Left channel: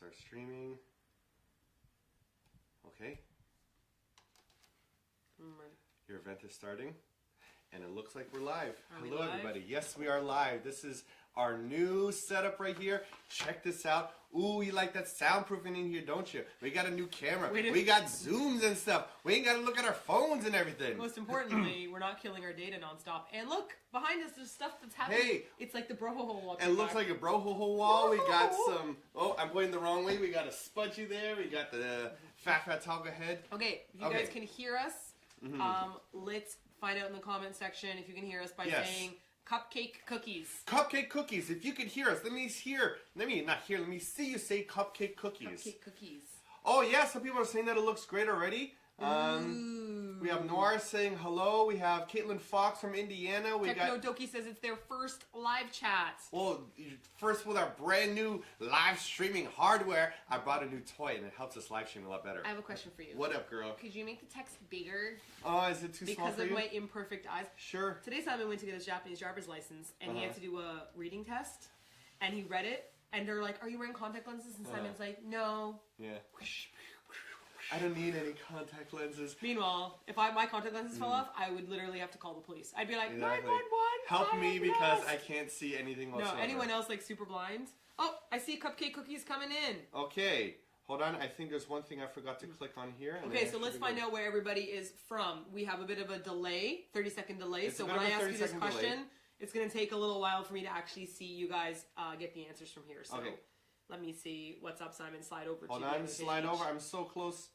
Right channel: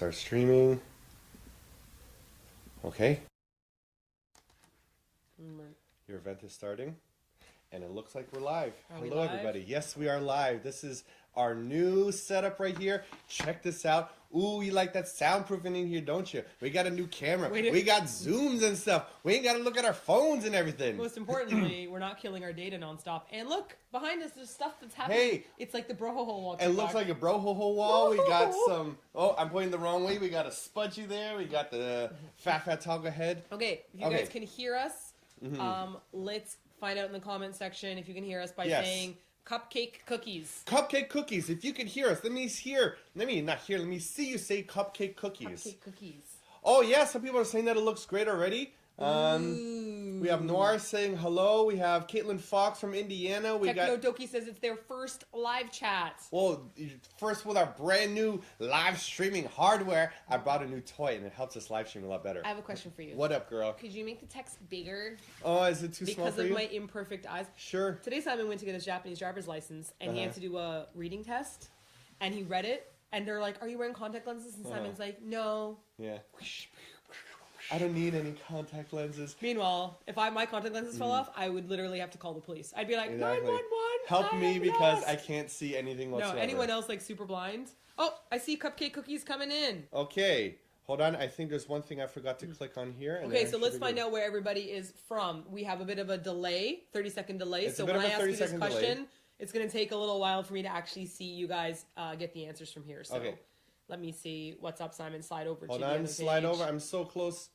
start streaming. Okay. Your event is starting. And it looks like we're live. Hello, everybody. Yes, we are live. This is our new setup right here. Check this out. Ooh, you like that soundproofing in here, don't you? We got a new camera. We got zooms and stuff. We ain't got to look at our phones and everything. Most importantly, we're not killing our data nonstop. And look, behind us, there's stuff that's happening. Hey. It's like the broho wall. It looks like a broho wall. We got some... Oh, I'm pointing the wrong way. We got a Spudgy there. We got the Fat Toggle head. Okay, if you guys can hear us, let's find out in the comment section if you can hear us by saying cupcake cookies. Cupcake cookies. If you can hear us, let me see you say cupcake cookies. Cupcake cookies. Oh yeah, some people are saying that it looks great already. We have Noir saying hello. We have Caitlin Fox from Indiana. We got Doki says it's their first live chat. Well, first with our brand new live streaming hardware, I brought a new toy and it helps us live stream a lot better. I have a question for you. What up, girl? Could you make the text bigger? Oh, is it too small for you? Because of my imperfect eyes. Sure. Today Simon went to get his Japanese driver's license and he had to do a reading test and he read it and they're like, "Are you wearing contact lenses?" And Simon's like, "No." Yeah. I don't need any contact lenses. Meanwhile, if my contact lenses fell off, I would literally have to call the police. I'd be like, 911, help me because I can't see anything whatsoever. No, anyone else like super blind? Oh, I see cupcake cookies coming in. Okay, hold on. I think there's one thing I forgot to click on here. Okay, so let's find out where everybody is from. We have a bit of a delay, 30-second delay. So when I ask you this question, it's going to take a little while for me to actually see you guys get the answers from here. So let me see. What's up, Simon? Slide over to the slide over. I'm so close.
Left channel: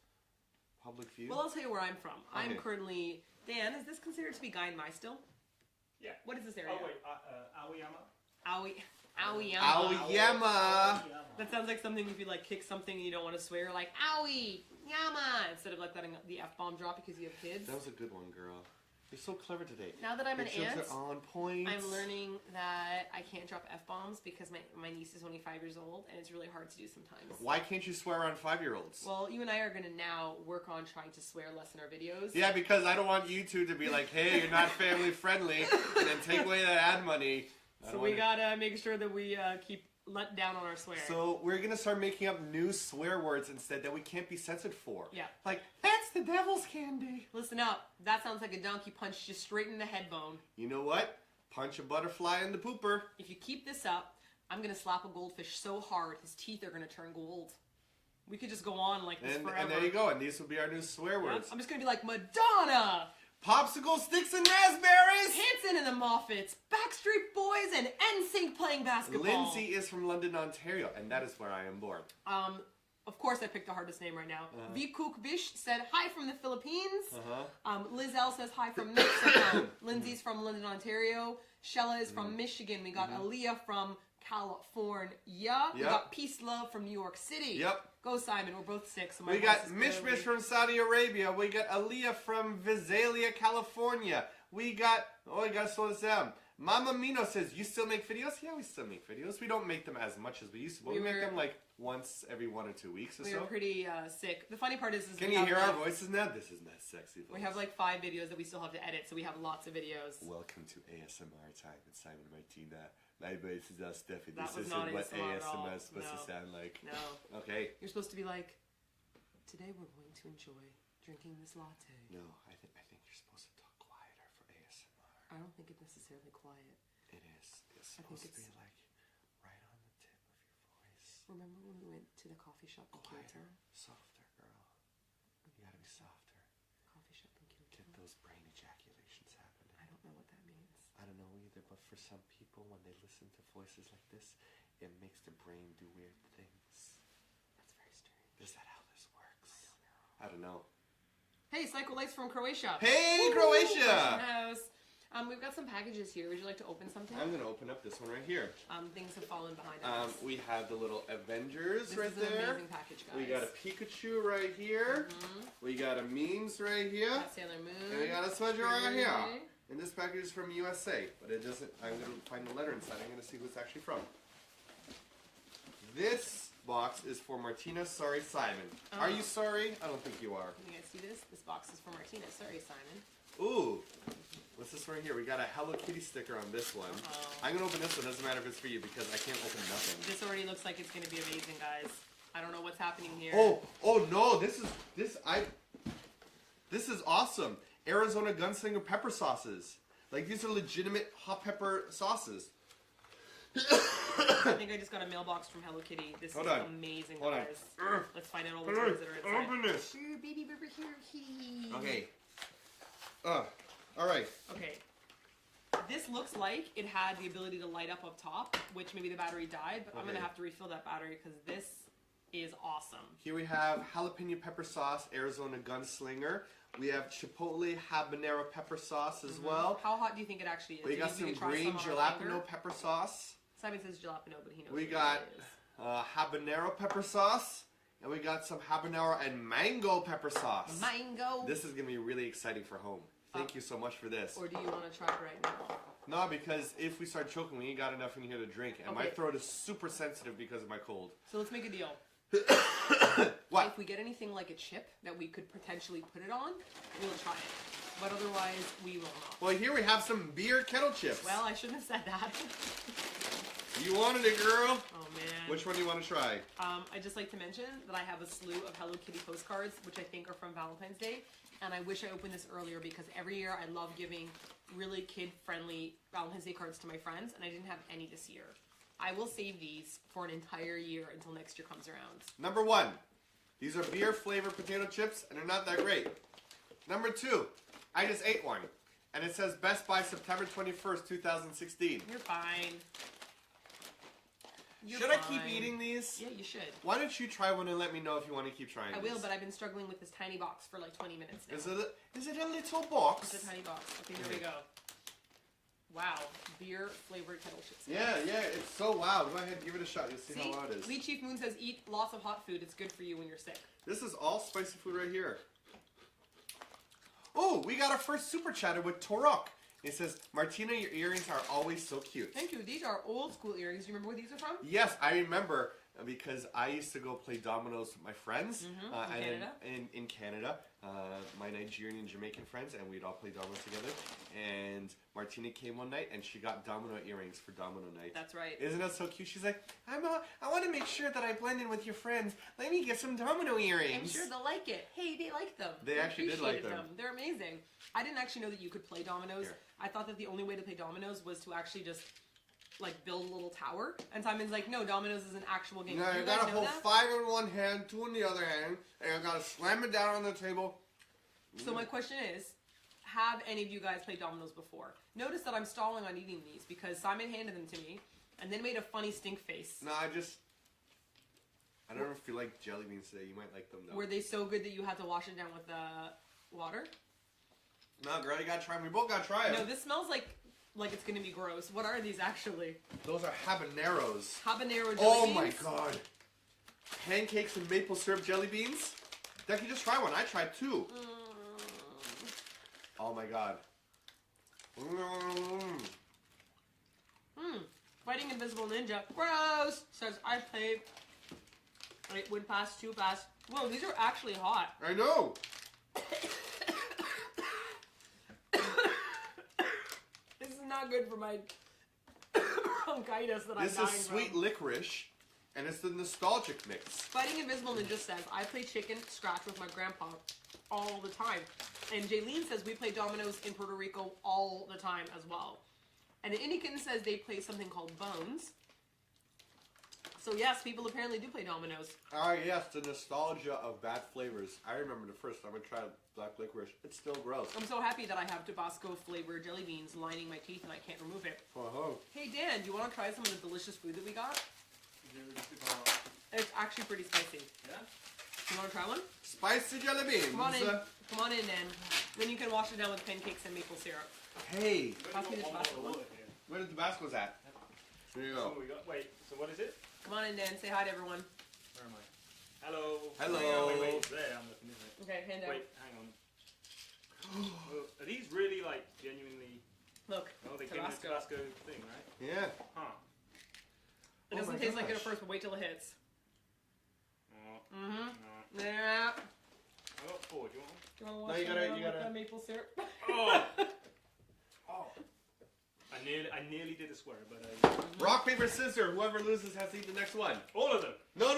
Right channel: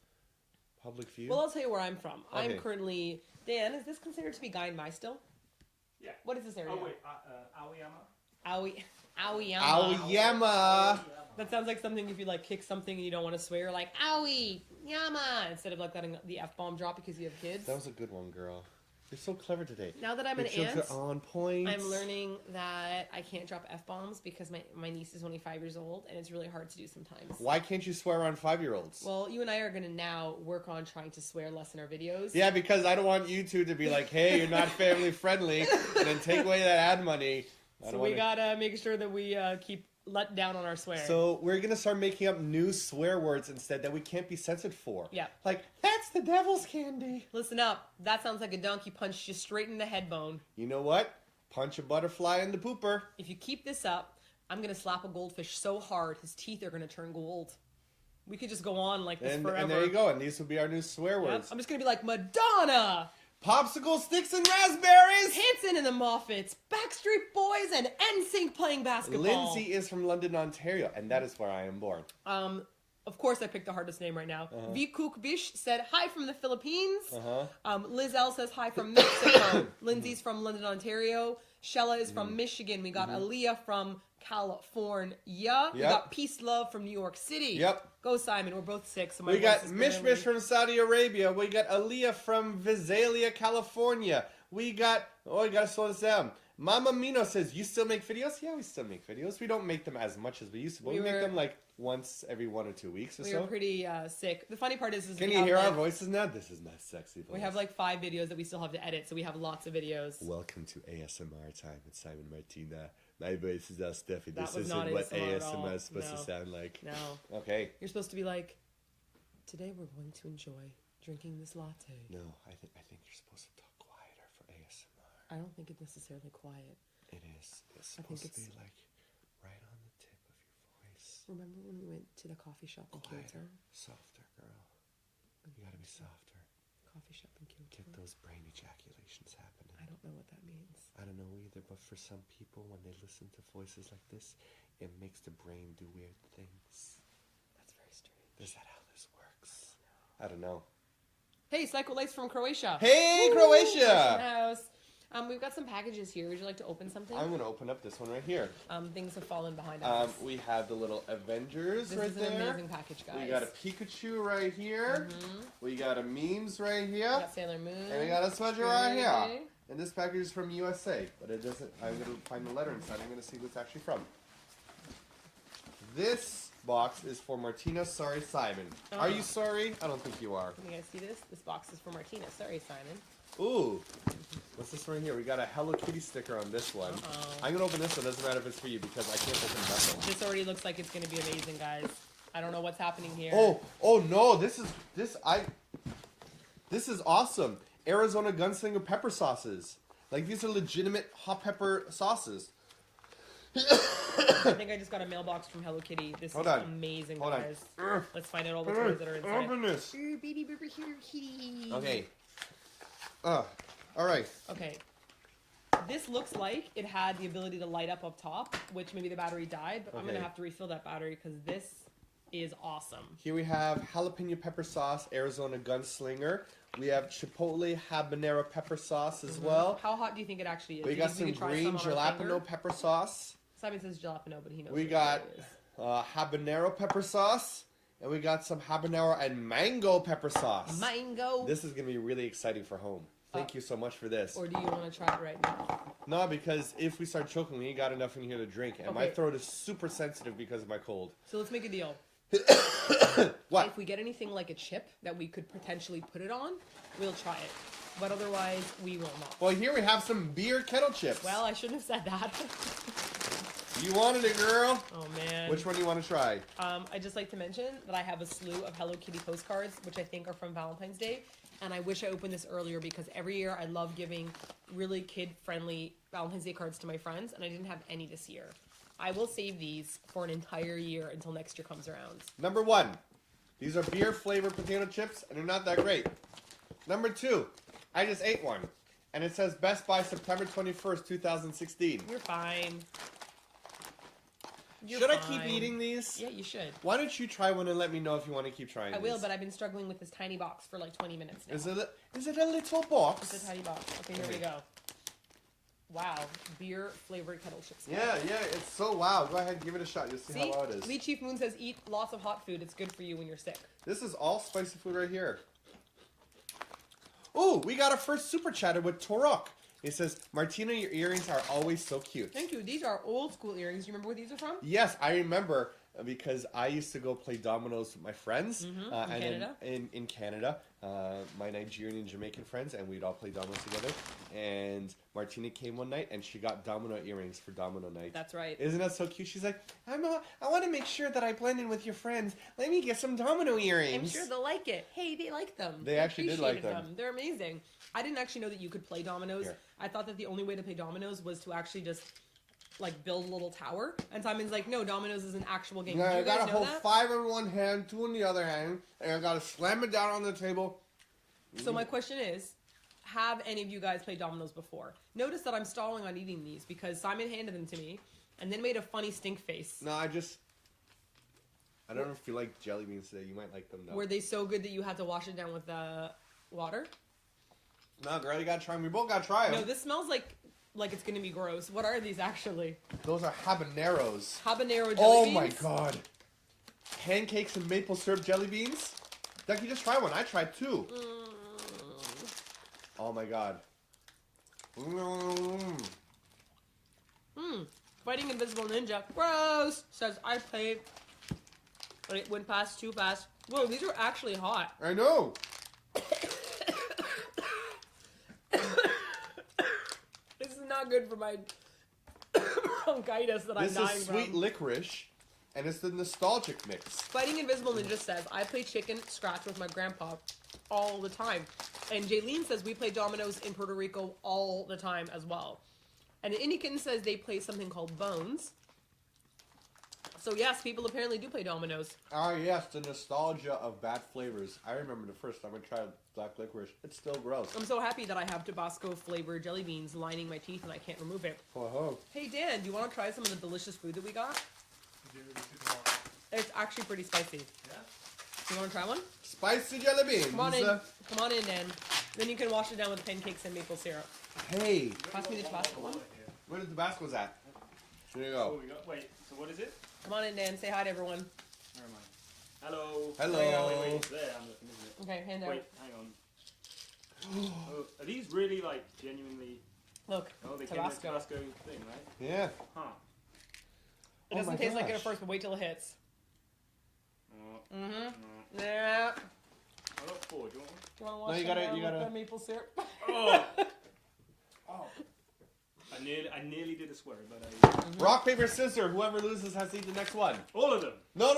Public view? Well, I'll tell you where I'm from. Okay. I'm currently... Dan, is this considered to be Gainmai still? Yeah. What is this area? Oh, wait. Aoyama. Aoyama. That sounds like something if you, like, kick something and you don't want to swear, like, Aoi, Yama, instead of, like, letting the F-bomb drop because you have kids. That was a good one, girl. You're so clever today. Now that I'm an aunt, are on point. I'm learning that I can't drop F-bombs because my niece is only 5 years old, and it's really hard to do sometimes. Why can't you swear around 5-year-olds? Well, you and I are going to now work on trying to swear less in our videos. Yeah, because I don't want you two to be like, hey, you're not family friendly, and then take away that ad money. So we got to make sure that we keep let down on our swearing. So we're going to start making up new swear words instead that we can't be censored for. Yeah. Like, that's the devil's candy. Listen up. That sounds like a donkey punched you straight in the head bone. You know what? Punch a butterfly in the pooper. If you keep this up, I'm going to slap a goldfish so hard his teeth are going to turn gold. We could just go on like this forever. And there you go. And these will be our new swear words. I'm just going to be like Madonna. Popsicle sticks and raspberries! Hanson and the Moffats, Backstreet Boys, and NSYNC playing basketball. Lindsay is from London, Ontario, and that is where I am born. Of course, I picked the hardest name right now. Vikuk Bish said hi from the Philippines. Liz L says hi from Mexico. Lindsay's from London, Ontario. Shella is from Michigan. We got Aaliyah from California. We got Peace Love from New York City. Yep. Go Simon, we're both sick. So we got Mish from Saudi Arabia. We got Aaliyah from Visalia, California. We got gotta slow this down. Mama Mino says, you still make videos? Yeah, we still make videos. We don't make them as much as we used to, but we make them like once every 1 or 2 weeks or so. We were pretty sick. The funny part is can you hear our voices now? This is my sexy voice. We have like 5 videos that we still have to edit, so we have lots of videos. Welcome to ASMR time with Simon Martina. My voice is all stuffy. That this isn't what ASMR is supposed to sound like. No. Okay. You're supposed to be like, today we're going to enjoy drinking this latte. No, I think you're supposed to talk quieter for ASMR. I don't think it's necessarily quiet. It is. It's supposed to be like right on the tip of your voice. Remember when we went to the coffee shop in Kyoto? Softer, girl. You gotta be softer. Coffee shop in Kyoto. Get those brain ejaculations happening. I don't know what that means. I don't know either, but for some people, when they listen to voices like this, it makes the brain do weird things. That's very strange. Is that how this works? I don't know. Hey, Psycho Lights from Croatia. Hey, Croatia! We've got some packages here. Would you like to open something? I'm going to open up this one right here. Things have fallen behind us. We have the little Avengers right there. This is an amazing package, guys. We got a Pikachu right here. We got a Memes right here. We got Sailor Moon. And we got a Smudger right here. And this package is from USA, but it doesn't. I'm going to find the letter inside. I'm going to see who it's actually from. This box is for Martina. Sorry, Simon. Oh. Are you sorry? I don't think you are. You guys see this? This box is for Martina. Sorry, Simon. Ooh. What's this right here? We got a Hello Kitty sticker on this one. I'm going to open this one. Doesn't matter if it's for you because I can't open nothing. This already looks like it's going to be amazing, guys. I don't know what's happening here. Oh no! This is awesome. Arizona Gunslinger pepper sauces. Like these are legitimate hot pepper sauces. I think I just got a mailbox from Hello Kitty. This is amazing, Hold guys. on. Let's find out all the toys that are inside. Open this. Baby Burger Hello Kitty. Okay. All right. Okay. This looks like it had the ability to light up top, which maybe the battery died, but I'm going to have to refill that battery because this is awesome. Here we have jalapeno pepper sauce, Arizona Gunslinger. We have chipotle habanero pepper sauce as well. How hot do you think it actually is? We got some green jalapeno pepper sauce. Simon says jalapeno, but he knows. We got habanero pepper sauce. And we got some habanero and mango pepper sauce. Mango. This is going to be really exciting for home. Thank you so much for this. Or do you want to try it right now? No, because if we start choking, we ain't got enough in here to drink. And my throat is super sensitive because of my cold. So let's make a deal. What? If we get anything like a chip that we could potentially put it on, we'll try it. But otherwise, we will not. Well, here we have some beer kettle chips. Well, I shouldn't have said that. You wanted it, girl. Oh, man. Which one do you want to try? I'd just like to mention that I have a slew of Hello Kitty postcards, which I think are from Valentine's Day. And I wish I opened this earlier because every year I love giving really kid-friendly Valentine's Day cards to my friends, and I didn't have any this year. I will save these for an entire year until next year comes around. Number 1, these are beer-flavored potato chips, and they're not that great. Number 2, I just ate one, and it says Best By September 21st, 2016. You're fine. Should I keep eating these? Yeah, you should. Why don't you try one and let me know if you want to keep trying I will, but I've been struggling with this tiny box for like 20 minutes now. Is it a little box? It's a tiny box. Okay, here we go. Wow, beer-flavored kettle chips. Yeah, it's so wow. Go ahead and give it a shot. You'll see how loud it is. Lee Chief Moon says, eat lots of hot food. It's good for you when you're sick. This is all spicy food right here. Oh, we got our first super chatter with Torok. It says, Martina, your earrings are always so cute. Thank you. These are old school earrings. Do you remember where these are from? Yes, I remember because I used to go play dominoes with my friends. In Canada. My Nigerian and Jamaican friends, and we'd all play dominoes together. And Martina came one night, and she got domino earrings for domino night. That's right. Isn't that so cute? She's like, I want to make sure that I blend in with your friends. Let me get some domino earrings. I'm sure they'll like it. Hey, they like them. They actually did like them. They're amazing. I didn't actually know that you could play dominoes. Here. I thought that the only way to play dominoes was to actually just like build a little tower. And Simon's like, no, dominoes is an actual game. Yeah, I gotta hold 5 in one hand, 2 in the other hand, and I gotta slam it down on the table. So my question is, have any of you guys played dominoes before? Notice that I'm stalling on eating these because Simon handed them to me and then made a funny stink face. No, I don't know if you like jelly beans today. You might like them though. Were they so good that you had to wash it down with water? No, girl, you gotta try them. We both gotta try them. No, this smells like it's gonna be gross. What are these actually? Those are habaneros. Habanero jelly beans? Oh my god. Pancakes with maple syrup jelly beans? Ducky, just try one. I tried 2. Oh my god. Fighting Invisible Ninja. Gross! Says, I played, but it went past too fast. Whoa, these are actually hot. I know. This is not good for my bronchitis that I'm dying from. This is sweet licorice, and it's the nostalgic mix. Fighting Invisible Ninja says, I play chicken scratch with my grandpa all the time. And Jaylene says, we play dominoes in Puerto Rico all the time as well. And Inikin says they play something called Bones. So yes, people apparently do play dominoes. Ah yes, the nostalgia of bad flavors. I remember the first time I tried black licorice. It's still gross. I'm so happy that I have Tabasco flavored jelly beans lining my teeth and I can't remove it. Oh. Hey Dan, do you want to try some of the delicious food that we got? It's actually pretty spicy. Yeah? You want to try one? Spicy jelly beans. Come on in, Dan. Then you can wash it down with pancakes and maple syrup. Hey. Pass me the Tabasco one. Where the Tabasco's at? Here you go. Oh, wait, so what is it? Come on in, Dan. Say hi to everyone. Where am I? Hello. Hello. Wait, it's there I'm looking, isn't it? Okay, hand down. Wait, hang on. Oh, are these really, like, genuinely... Look, they came in the Tabasco. Tabasco thing, right? Yeah. Huh. It doesn't taste like it at first, but wait till it hits. No. Yeah. I got 4. Do you want one? Do you want to wash it down with the maple syrup? Oh! Oh. I I nearly did a swear, but Rock, paper, scissors. Whoever loses has to eat the next one. all of them. No,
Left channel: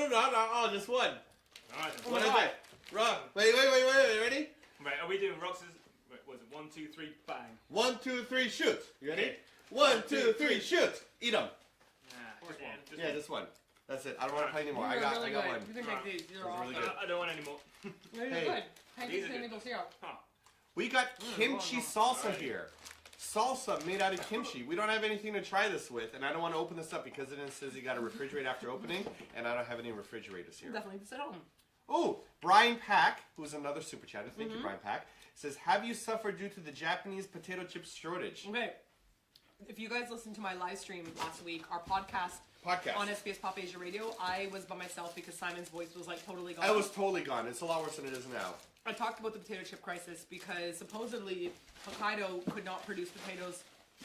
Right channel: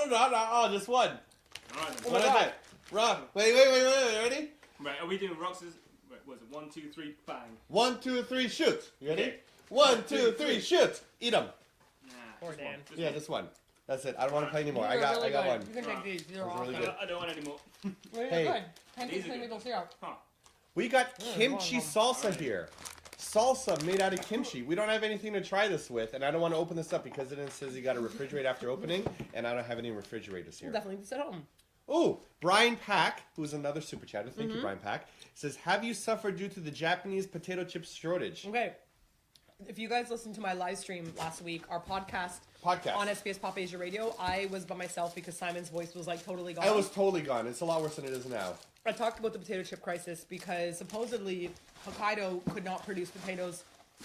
just one. All right. Oh What my is God. it? Rock. Wait. Ready? Right, are we doing rocks? Was it 1, 2, 3, bang? 1, 2, 3, shoot. You ready? Okay. 1, 2, 3, shoot. Eat them. Nah, Poor just Dan. one, just Yeah, one. just one. That's it. I don't want to play anymore. These I are got really one. good. You can Alright. take these. These are Those are awesome. really good. I don't want any more. They're Hey. good. Pancakes These are and good. maple syrup. Huh. We got kimchi hold on. salsa here. Salsa made out of kimchi. We don't have anything to try this with, and I don't want to open this up because it says you got to refrigerate after opening, and I don't have any refrigerators here. Definitely just at home. Oh, Brian Pack, who's another super chatter, thank you, Brian Pack, says, have you suffered due to the Japanese potato chips shortage? Okay. If you guys listened to my live stream last week, our podcast on SBS Pop Asia Radio, I was by myself because Simon's voice was like totally gone. I was totally gone. It's a lot worse than it is now. I talked about the potato chip crisis because supposedly Hokkaido could not produce potatoes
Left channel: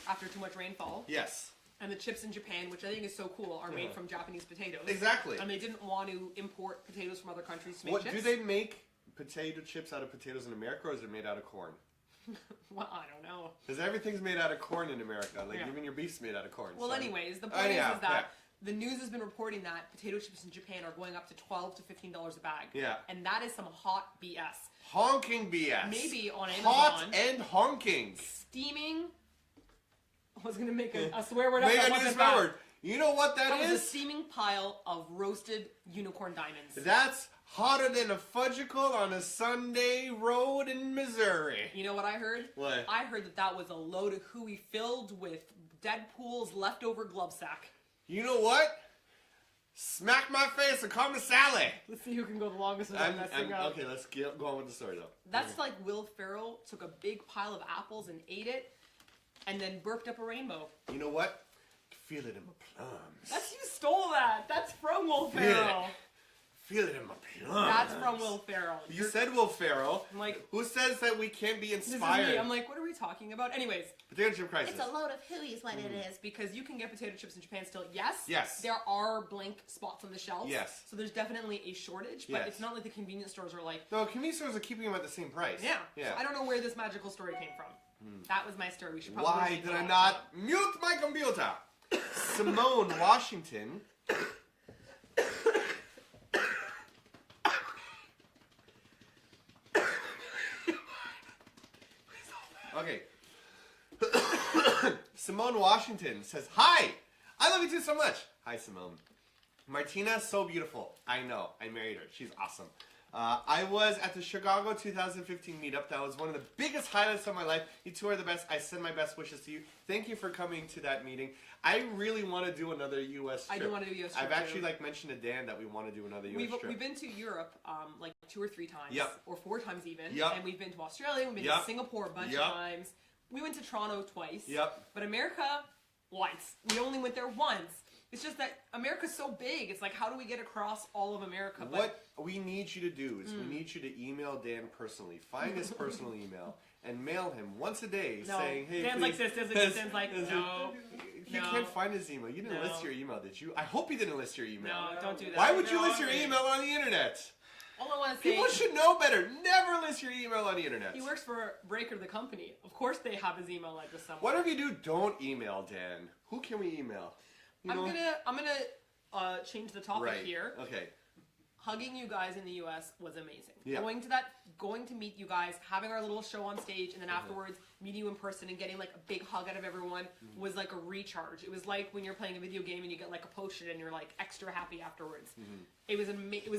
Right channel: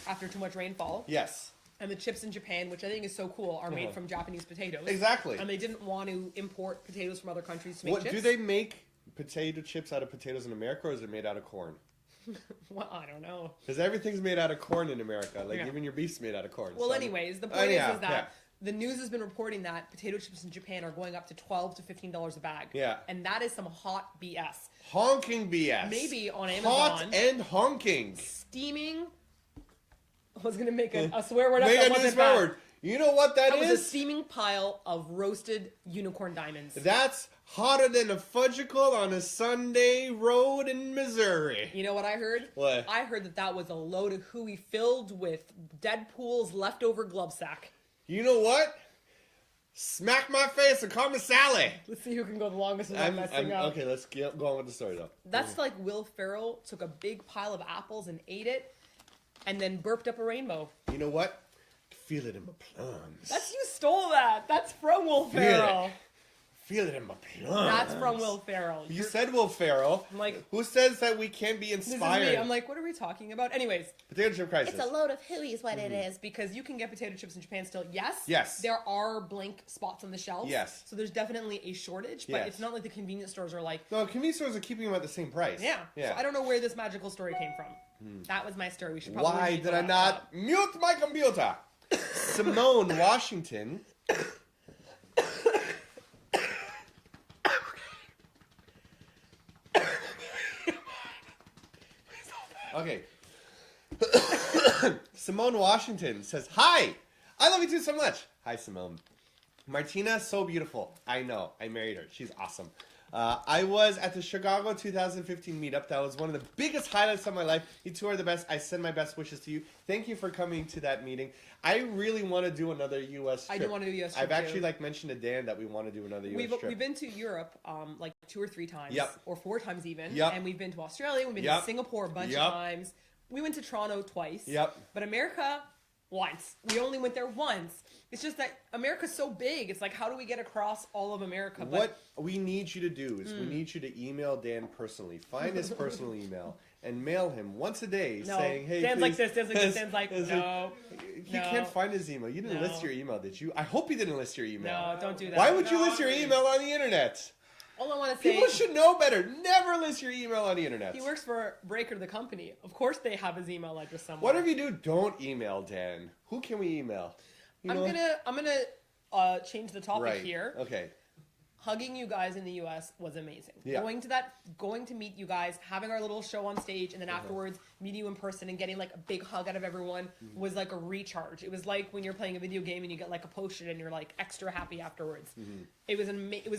after too much rainfall. Yes. And the chips in Japan, which I think is so cool, are made from Japanese potatoes. Exactly. And they didn't want to import potatoes from other countries to make What chips. do they make potato chips out of potatoes in America, or is it made out of corn? Well, I don't know. Because everyth's made out of corn in America. Like, Yeah. even your beef's made out of corn. Well, so- anyways, the point yeah, is that yeah. the news has been reporting that potato chips in Japan are going up to $12 to $15 a bag. Yeah. And that is some hot BS. Honking BS. Maybe on Amazon. Hot and honking. Steaming. I was going to make a swear word up Make that a new wasn't swear bad. word. You know what that That was a is? steaming pile of roasted unicorn diamonds. That's hotter than a fudgicle on a Sunday road in Missouri. You know what I heard? What? I heard that was a load of hooey filled with Deadpool's leftover glove sack. You know what? Smack my face and call me Sally. Let's see who can go the longest without messing up. Okay, let's go on with the story, though. That's like Will Ferrell took a big pile of apples and ate it, and then burped up a rainbow. You know what? Feel it in my plums. You stole that. That's from Will Ferrell. Feel it in my plums. That's from Will Ferrell. You said Will Ferrell. I'm like, Who says that we can't be this is inspired? me. I'm like, what are we talking about? Anyways, Potato chip crisis. it's a load of hooey is what it is, because you can get potato chips in Japan still. Yes. There are blank spots on the shelves. Yes. So there's definitely a shortage, but Yes. it's not like the convenience stores are like, No, convenience stores are keeping them at the same price. yeah. Yeah. So I don't know where this magical story came from. That was my story. We should probably Why leave did the I laptop. not mute my computer? Simone Washington. Okay. Simone Washington says, hi! I love you too so much. Hi, Simone. Martina, so beautiful. I know. I married her. She's awesome. I was at the Chicago 2015 meetup. That was one of the biggest highlights of my life. You two are the best. I send my best wishes to you. Thank you for coming to that meeting. I really want to do another U.S. trip. I do want to do U.S. trip, I've actually too. mentioned to Dan that we want to do another U.S. trip. We've been to Europe like 2 or 3 times, Yep. or 4 times even, Yep. and we've been to Australia, we've been Yep. to Singapore a bunch Yep. of times. We went to Toronto twice, Yep. but America once. We only went there once. It's just that America's so big. It's like, how do we get across all of America? But What we need you to do is we need you to email Dan personally. Find his personal email and mail him once a day no, saying, hey, Dan's please. like this. Dan's like, no, He no. can't find his email. You didn't No. list your email, did you? I hope you didn't list your email. no, don't do that. Why would you No, list your I didn't. email on the internet? All I want to say, People should know better. Never list your email on the internet. he works for Breaker, the company. Of course, they have his email address somewhere. Whatever you do, don't email Dan. Who can we email? You I'm know? gonna change the topic Right. here. Okay. Hugging you guys in the U.S. was amazing. Yeah. Going to meet you guys, having our little show on stage, and then afterwards meeting you in person and getting like a big hug out of everyone was like a recharge. It was like when you're playing a video game and you get like a potion and you're like extra happy afterwards. It was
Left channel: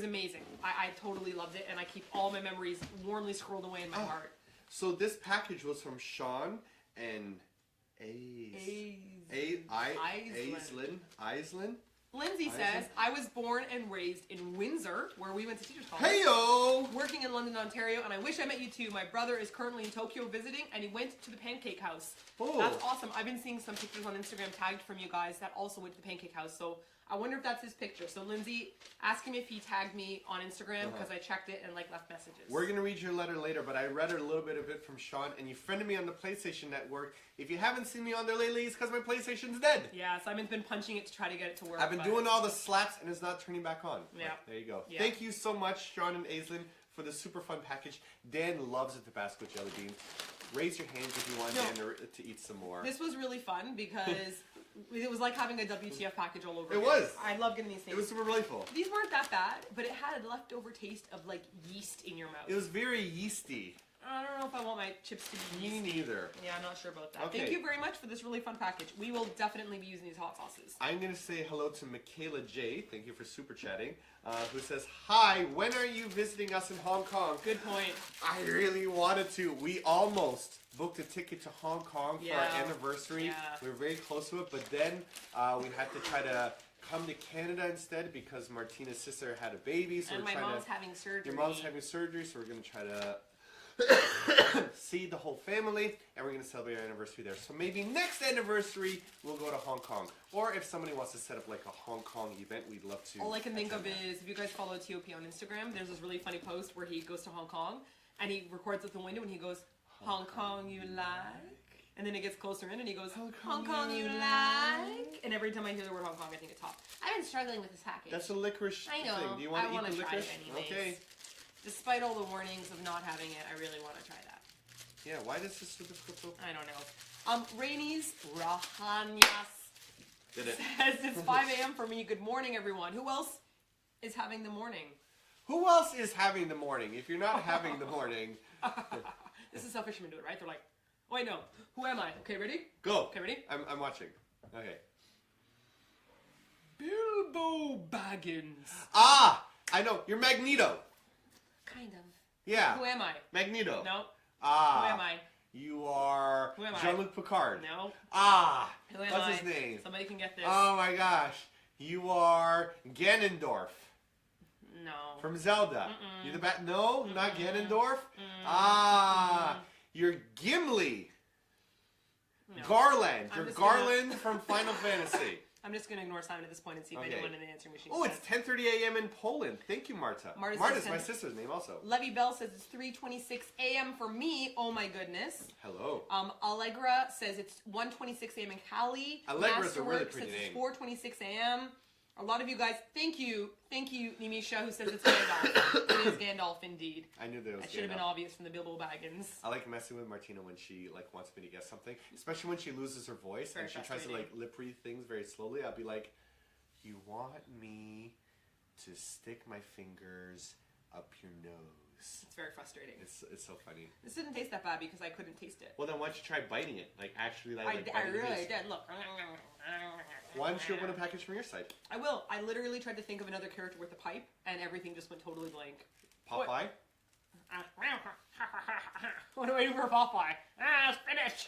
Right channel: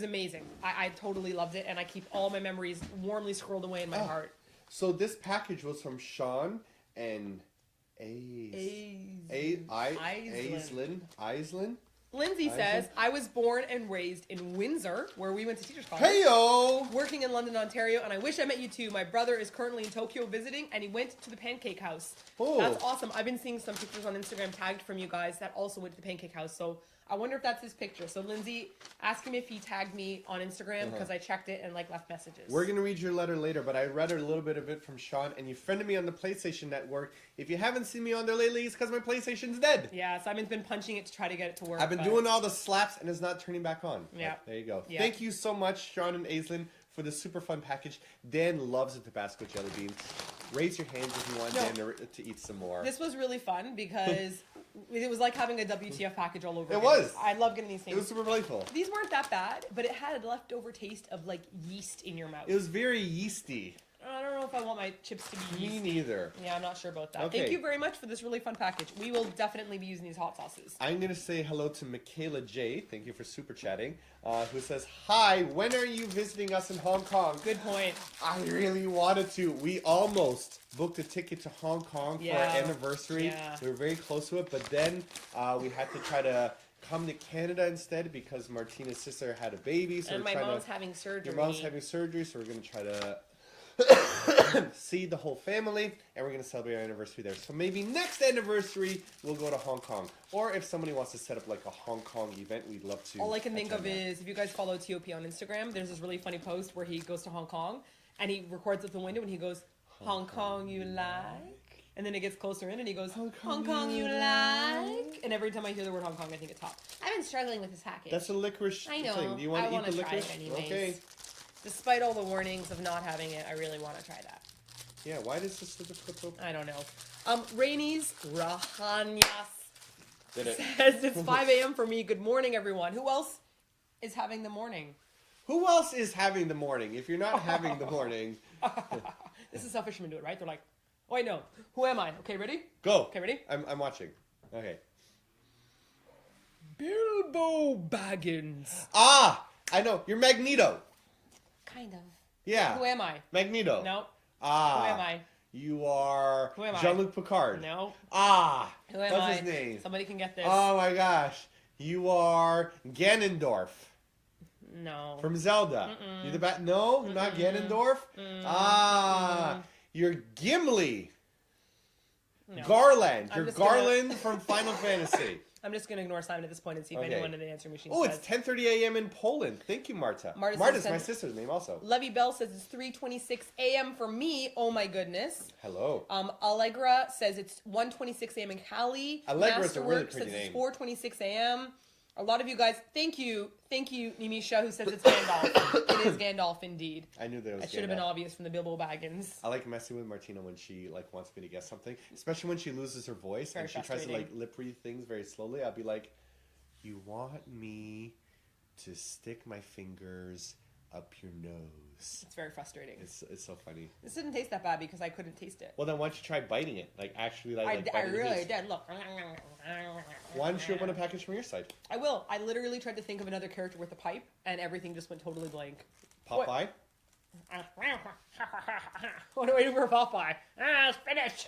amazing. I totally loved it, and I keep all my memories warmly scrolled away in my heart. So this package was from Sean and Aislinn. Lindsay I says, see. I was born and raised in Windsor, where we went to teachers college. Heyo! Working in London, Ontario, and I wish I met you too. My brother is currently in Tokyo visiting, and he went to the Pancake House. Oh. That's awesome. I've been seeing some pictures on Instagram tagged from you guys that also went to the Pancake House, so I wonder if that's his picture. So Lindsay, ask him if he tagged me on Instagram, because I checked it and like left messages. We're going to read your letter later, but I read a little bit of it from Sean, and you friended me on the PlayStation Network. If you haven't seen me on there lately, it's because my PlayStation's dead. Yeah, Simon's been punching it to try to get it to work. I've been but- doing all the slaps, and it's not turning back on. Yeah. But there you go. Yeah. Thank you so much, Sean and Aislinn, for the super fun package. Dan loves the Tabasco jelly beans. Raise your hands if you want Dan to eat some more. This was really fun because it was like having a WTF package all over. It was. I love getting these things. It was super delightful. These weren't that bad, but it had a leftover taste of like yeast in your mouth. It was very yeasty. I don't know if I want my chips to be yeasty. Me neither. Yeah, I'm not sure about that. Okay. Thank you very much for this really fun package. We will definitely be using these hot sauces. I'm going to say hello to Michaela J. Thank you for super chatting. Who says, hi, when are you visiting us in Hong Kong? Good point. I really wanted to. We almost booked a ticket to Hong Kong for our anniversary. Yeah. We were very close to it, but then we had to try to come to Canada instead because Martina's sister had a baby. So and my mom's having surgery. Your mom's having surgery, so we're going to try to see the whole family, and we're going to celebrate our anniversary there. So maybe next anniversary, we'll go to Hong Kong. Or if somebody wants to set up like a Hong Kong event, we'd love to. All I can think of is, if you guys follow TOP on Instagram, there's this really funny post where he goes to Hong Kong, and he records with the window, and he goes, Hong Kong you like? And then it gets closer in, and he goes, Hong Kong you like? And every time I hear the word Hong Kong, I think it's hot. I've been struggling with this package. That's a licorice I know. thing. Do you want to eat the try licorice? it anyways. Okay. Despite all the warnings of not having it, I really want to try that. Yeah, why does this so difficult? I don't know. Rainey's Rahanyas Did it. says it's 5 a.m. for me. Good morning, everyone. Who else is having the morning? Who else is having the morning? If you're not having the morning... This is how fishermen do it, right? They're like, oh, wait, no. Who am I? Okay, ready? Go. Okay, ready? I'm watching. Okay. Bilbo Baggins. Ah! I know. You're Magneto. Kind of. Yeah. Who am I? Magneto. No. Ah. Who am I? You are Who am I? Jean-Luc Picard. No. Ah. Who am What's I? his name? Somebody can get this. Oh my gosh. You are Ganondorf. No. From Zelda. Mm-mm. You're the bat. No, not Mm-mm. Ganondorf. Mm-mm. Ah. You're Gimli. No. Garland. I'm You're just gonna- Garland from Final Fantasy. I'm just going to ignore Simon at this point and see if Okay. anyone in the answering machine Oh, says. it's 10:30 a.m. in Poland. Thank you, Marta. Marta's my sister's name also. Levy Bell says it's 3:26 a.m. for me. Oh my goodness. Hello. Allegra says it's 1:26 a.m. in Cali. Allegra's a really Masterwork pretty says name. it's 4:26 a.m. A lot of you guys, thank you, Nimisha, who says it's Gandalf. It is Gandalf indeed. I knew that it was That should have been Gandalf. obvious from the Bilbo Baggins. I like messing with Martina when she like wants me to guess something, especially when she loses her voice Very and she tries to like frustrating. lip read things very slowly. I'll be like, "You want me to stick my fingers up your nose?" It's very frustrating. It's so funny. This didn't taste that bad because I couldn't taste it. Well, then why don't you try biting it? Like actually, like I biting the really juice. did. Look. Why don't you open a package from your side? I will. I literally tried to think of another character with a pipe, and everything just went totally blank. Popeye. What do I do for Popeye? Spinach.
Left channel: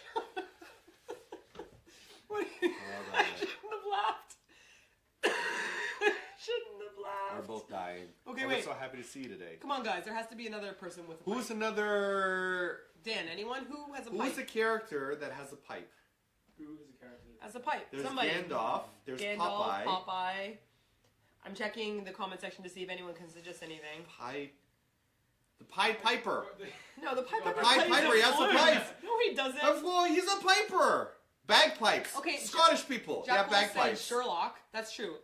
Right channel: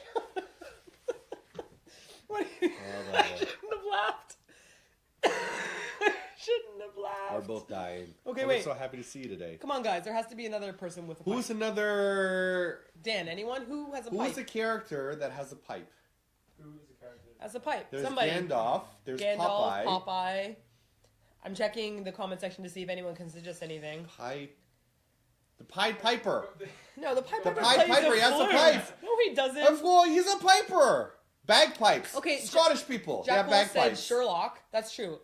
What? Oh, I shouldn't have laughed. Shouldn't have laughed. Are both dying. Okay, And wait. We're so happy to see you today. Come on, guys. There has to be another person with a pipe. Who's another? Dan, anyone who has a Who pipe? is a character that has a pipe? Who is a character? Has a pipe. There's Somebody. Gandalf. There's Gandalf, Popeye. Popeye. I'm checking the comment section to see if anyone can suggest anything. Pipe. The Pied Piper. No, the Piper. The Pied Piper, he has a pipe. No, he doesn't. Of course, he's a piper. Bagpipes. Okay, Scottish people. Jack They Wolf have said bagpipes. Sherlock. That's true.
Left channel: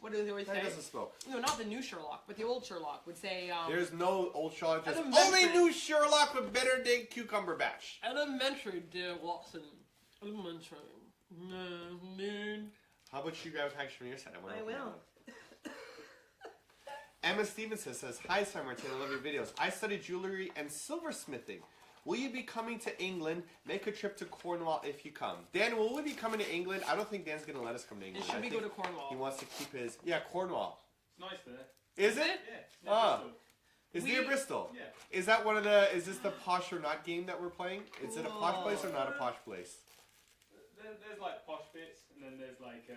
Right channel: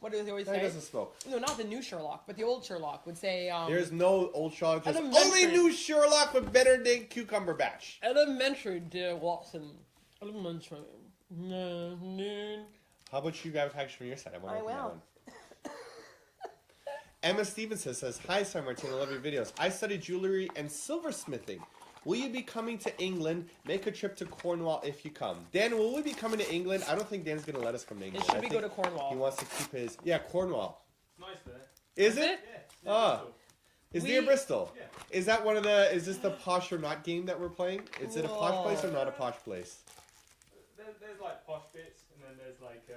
What does he always He say? doesn't smoke. No, not the new Sherlock, but the old Sherlock would say. There's no old Sherlock. There's Elementary. only new Sherlock with better than Cucumber Batch. Elementary, dear Watson. Elementary. How about you guys package from your side? I will. Emma Stevenson says, "Hi, Star Martina. I love your videos. I study jewelry and silversmithing. Will you be coming to England? Make a trip to Cornwall if you come." Dan, will we be coming to England? I don't think Dan's going to let us come to England. Should I we think go to Cornwall? He wants to keep his... Yeah, Cornwall. It's nice there. Is it? it? Yeah. Ah. Bristol. It's We- near Bristol. Yeah. Is that one of the... Is this the posh or not game that we're playing? Is it a posh place or not a posh place? There's like posh bits, and then there's like